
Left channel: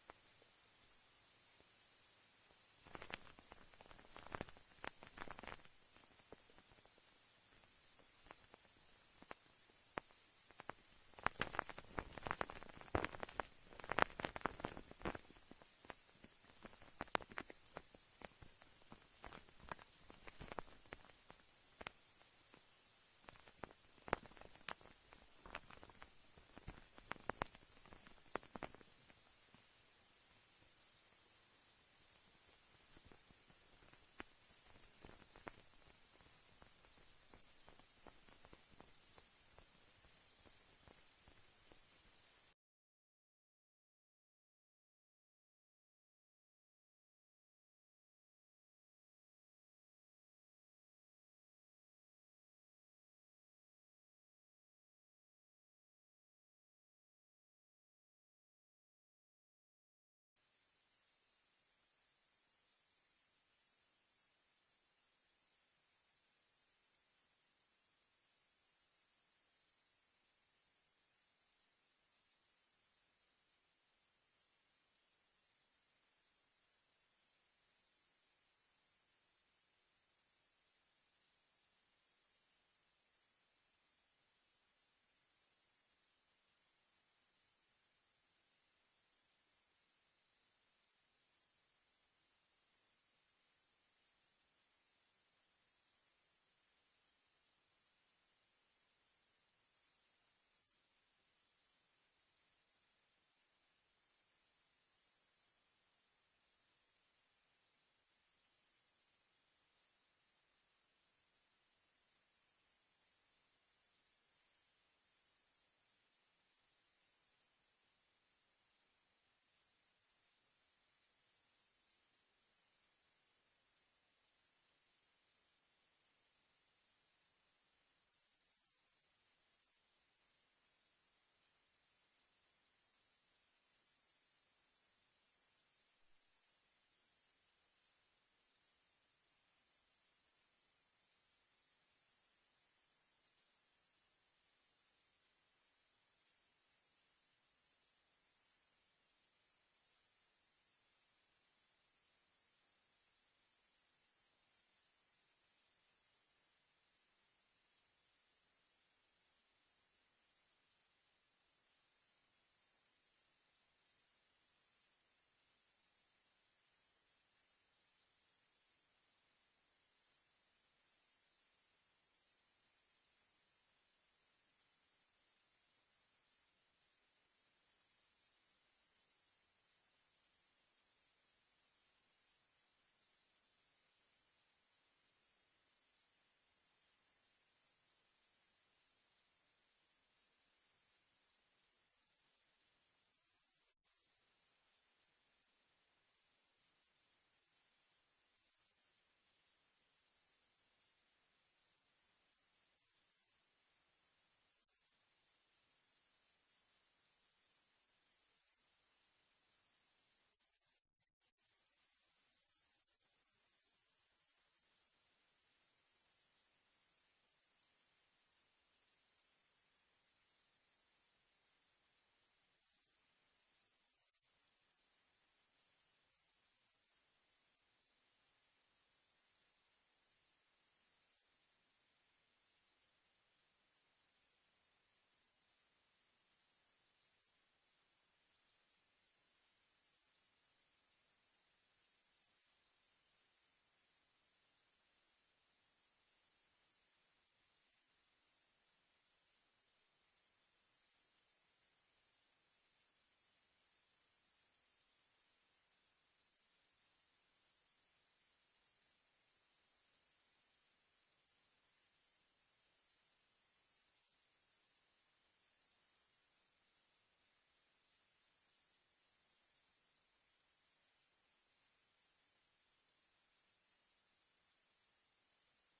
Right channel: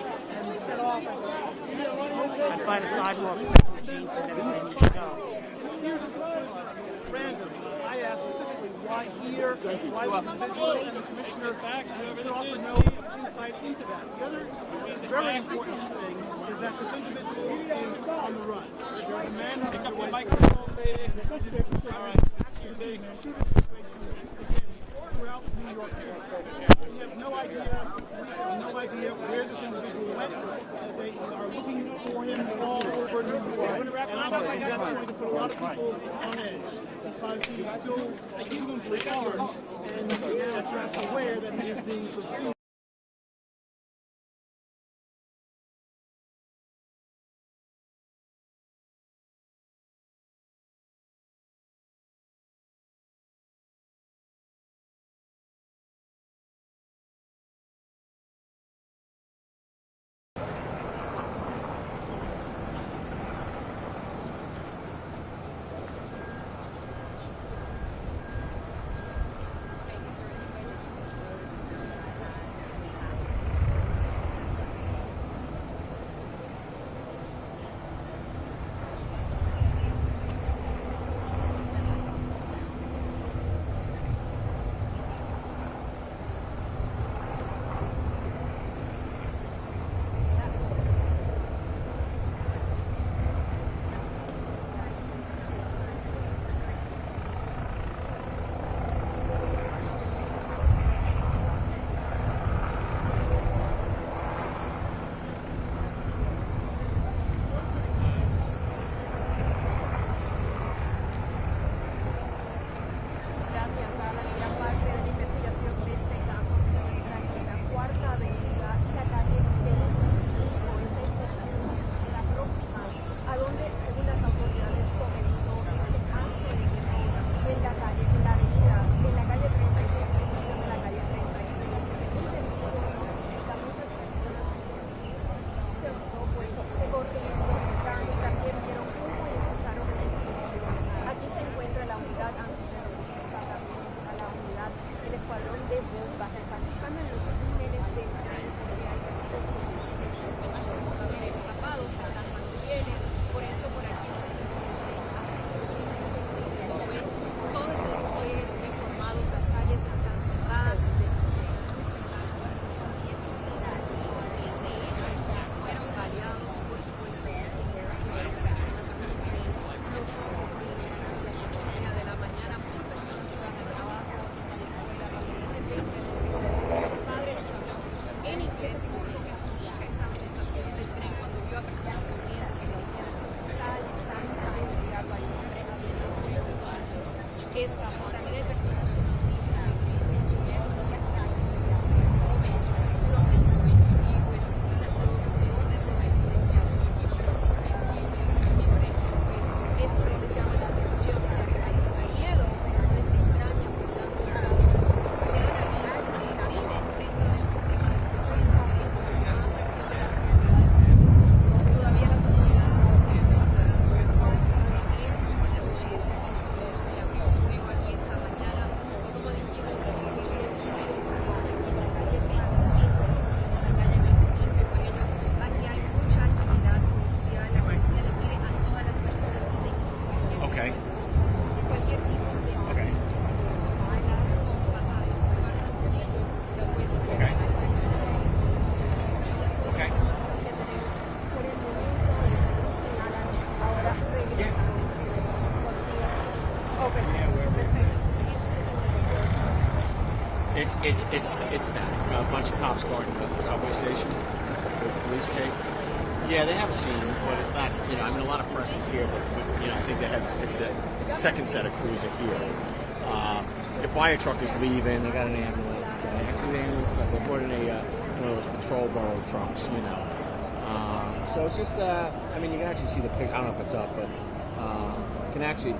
and set off. I'd find a sidewalk. That's what Gene said. Pick up the microphone, baby. All right. Throughout New York City, we have no idea where this individual went. They are looking for him all over New York. And obviously that's going to put a lot of people on edge because he is still reasonably armed and perhaps aware that he is being pursued. It's that. A bunch of cops guarding the subway station with police tape. Yeah, they have a scene, but it's not, I mean, a lot of press is here, but I think it's the second set of crews are here. The fire truck is leaving, they got an ambulance. They brought in one of those patrol burrow trucks, So it's just, I mean, you can actually see the pic. I don't know if it's up, but you can actually.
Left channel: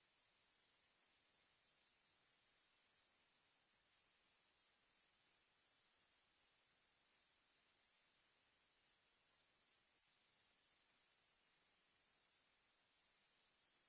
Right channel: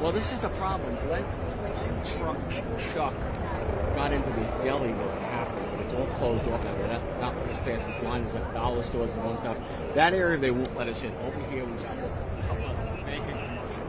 Well, this is the problem. Glenn Chuck got into this deli where it happened. It's all closed off now. Not just past this line. There's like dollar stores and all stuff. That area they won't let us in. Over here we got vacant commercial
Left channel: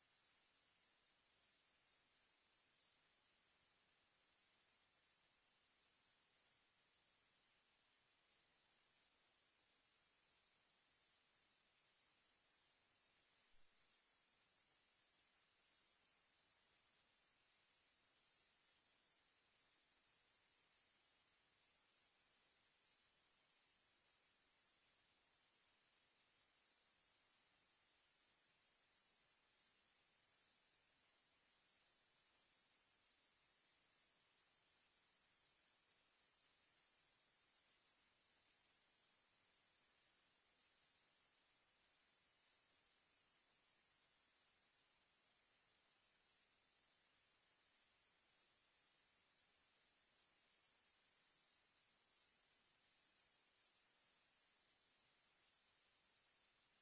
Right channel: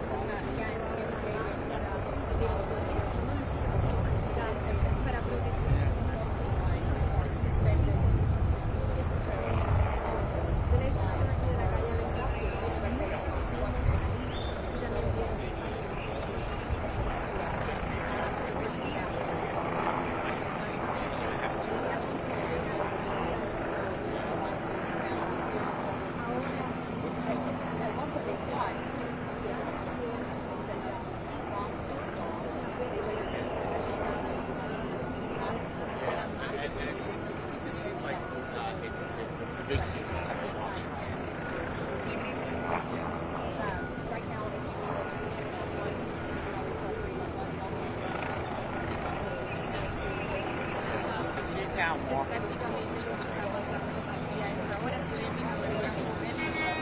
big scene is a couple of blocks from here. Es prácticamente lo que está pasando aquí a esta hora. Si ven mi cobertura móvil,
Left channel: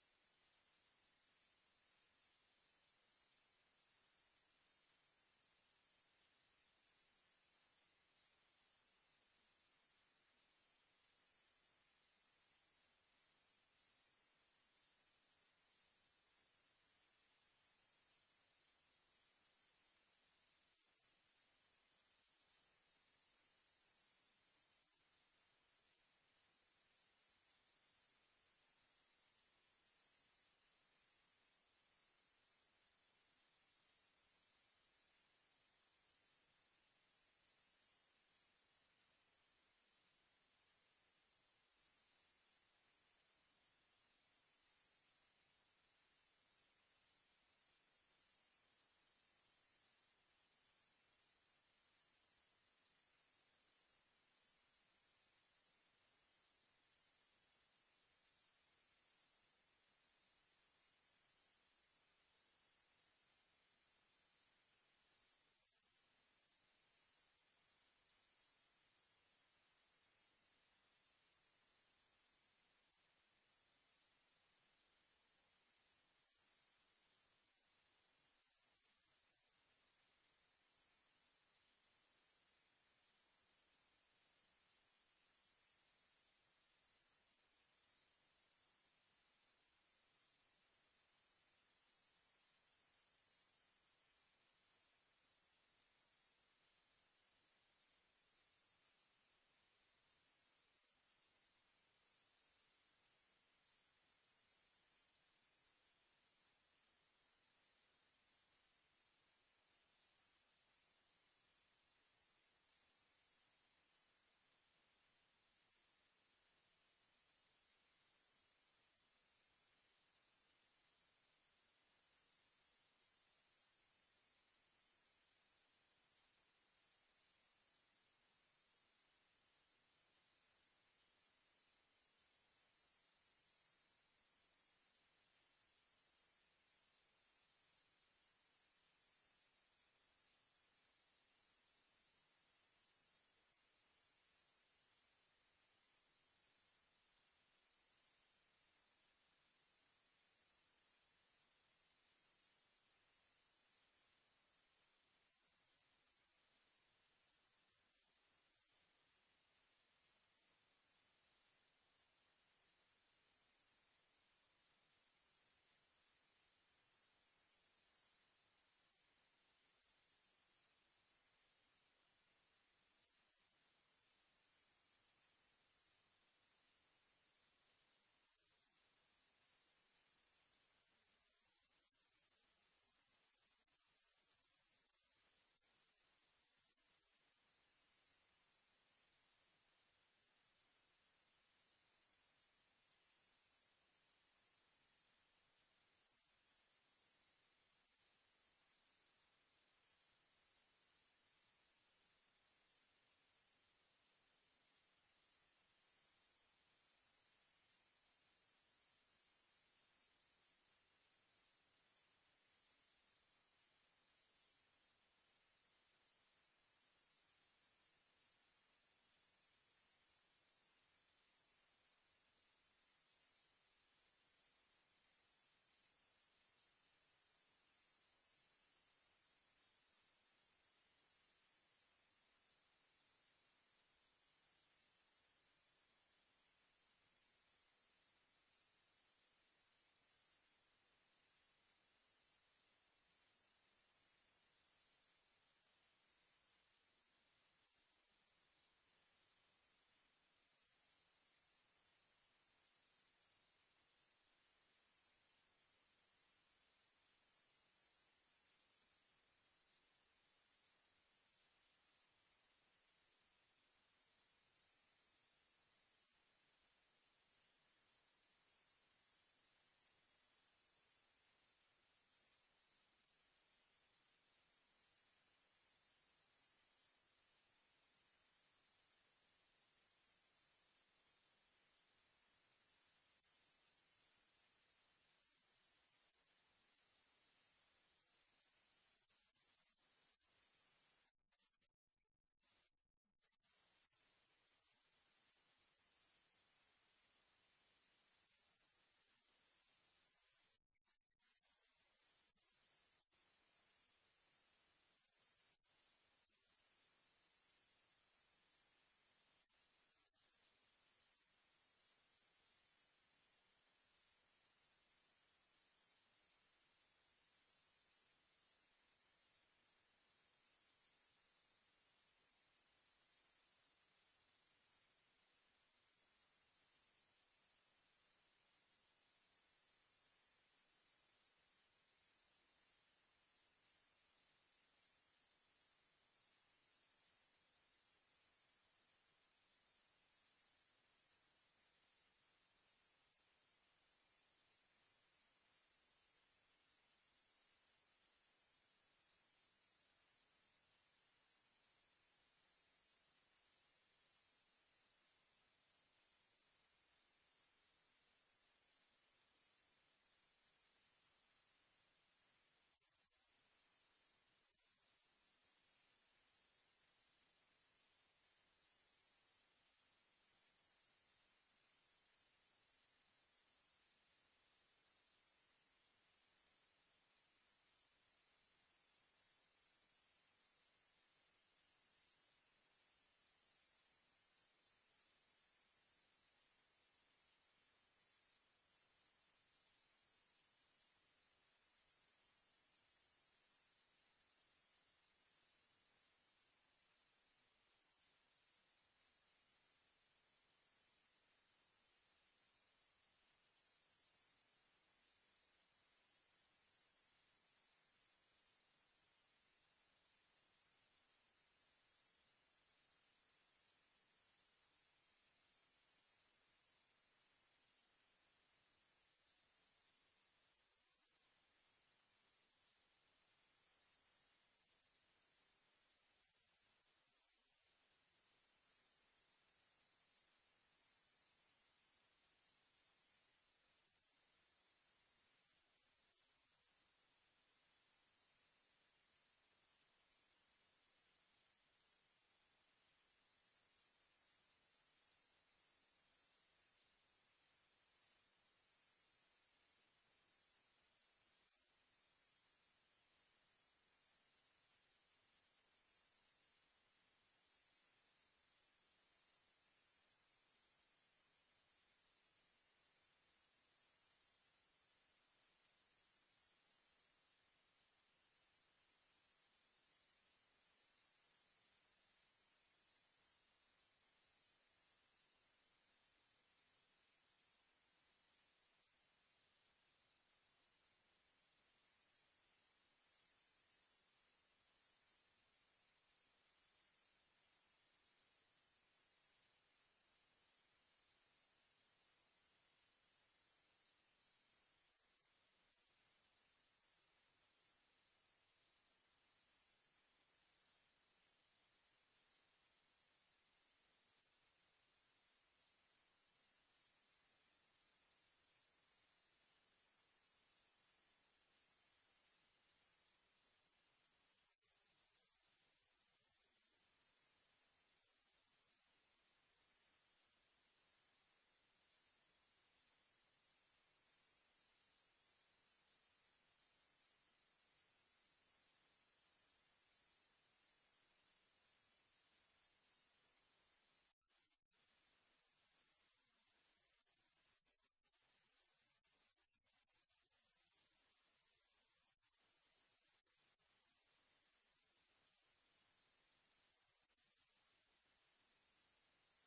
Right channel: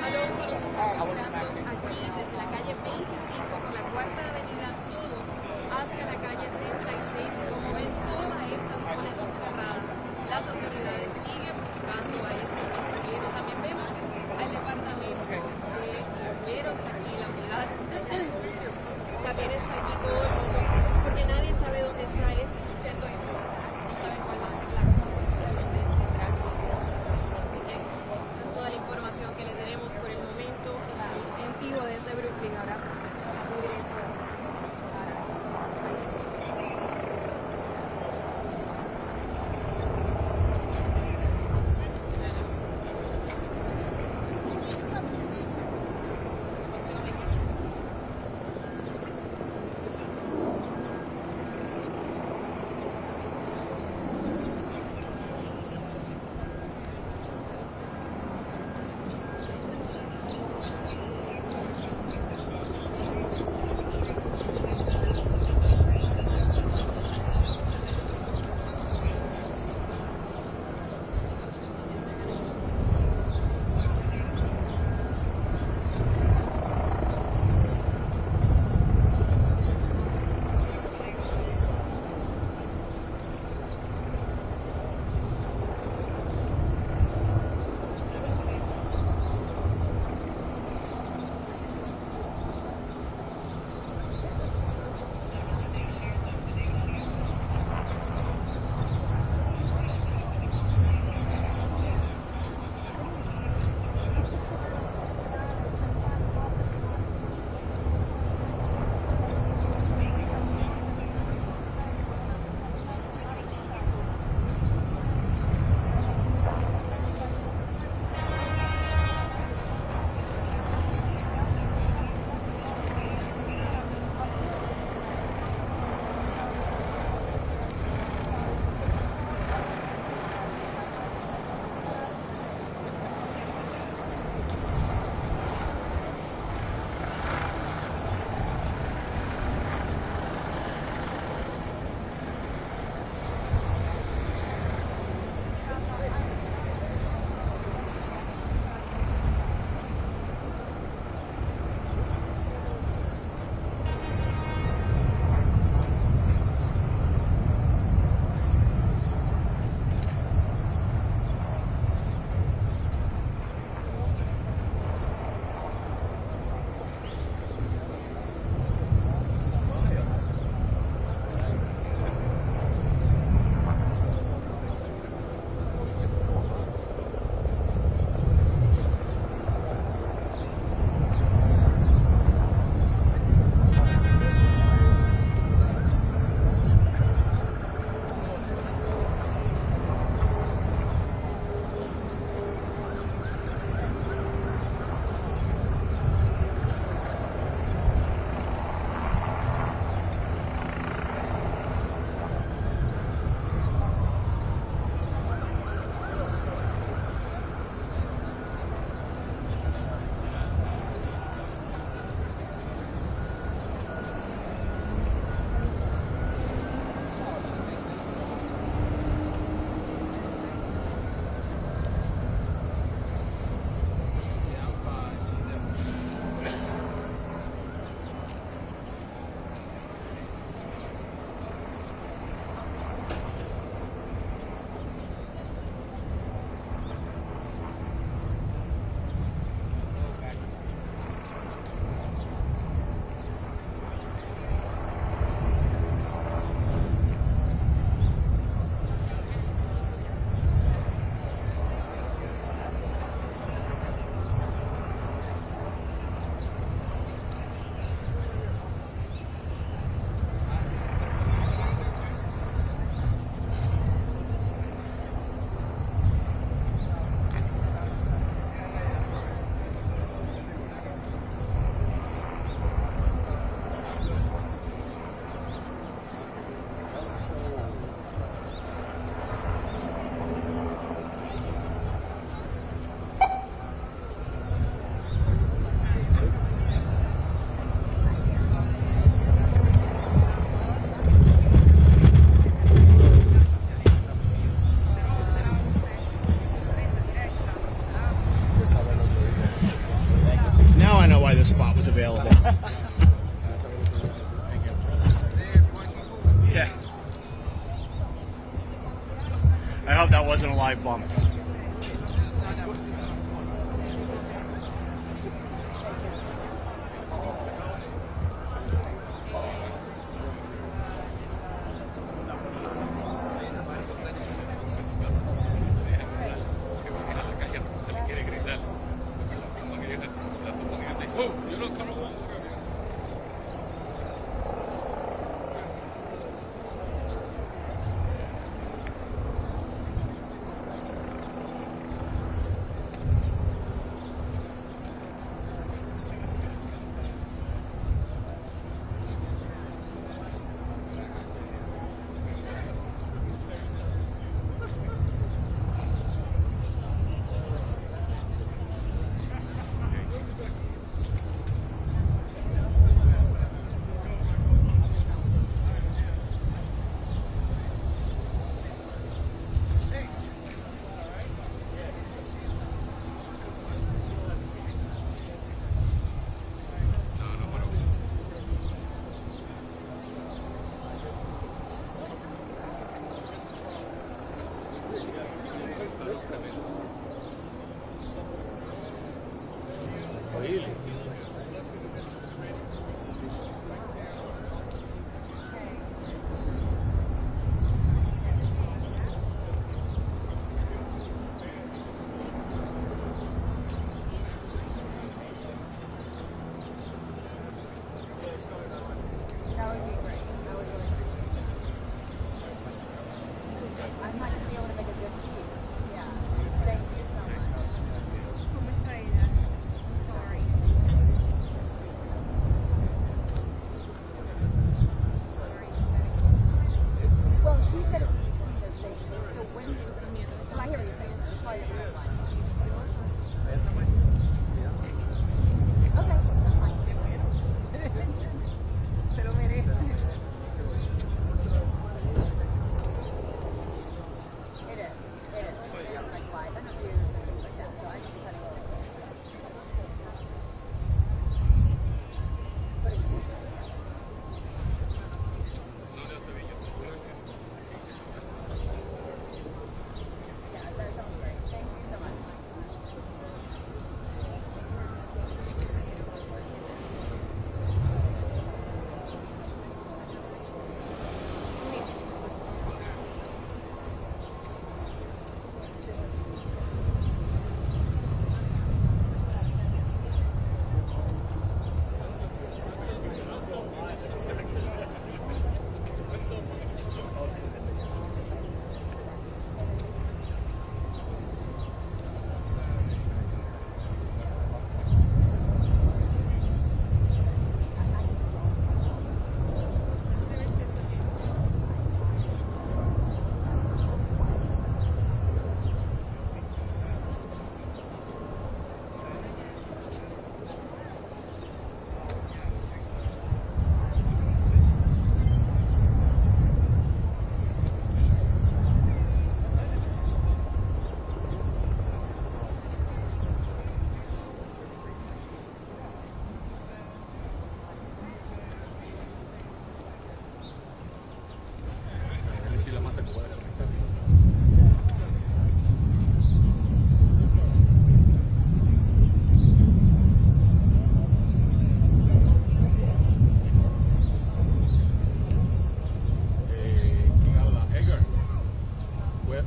Alonso nos está mostrando aquí desde la calle 25 por la cuarta avenida Sur hacia la calle 36 y como ven toda esta zona está cerrada. Las autoridades siguen buscando a ese pistolero. También vemos al departamento de bomberos aquí, la unidad. También está aquí todo el mundo porque nadie sabe dónde está este sujeto y pues no saben cuál va a ser la conclusión de este this spot was available. Yeah. I hope that wasn't a live bump.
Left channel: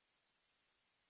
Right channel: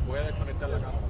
Voy a desconectar la cámara.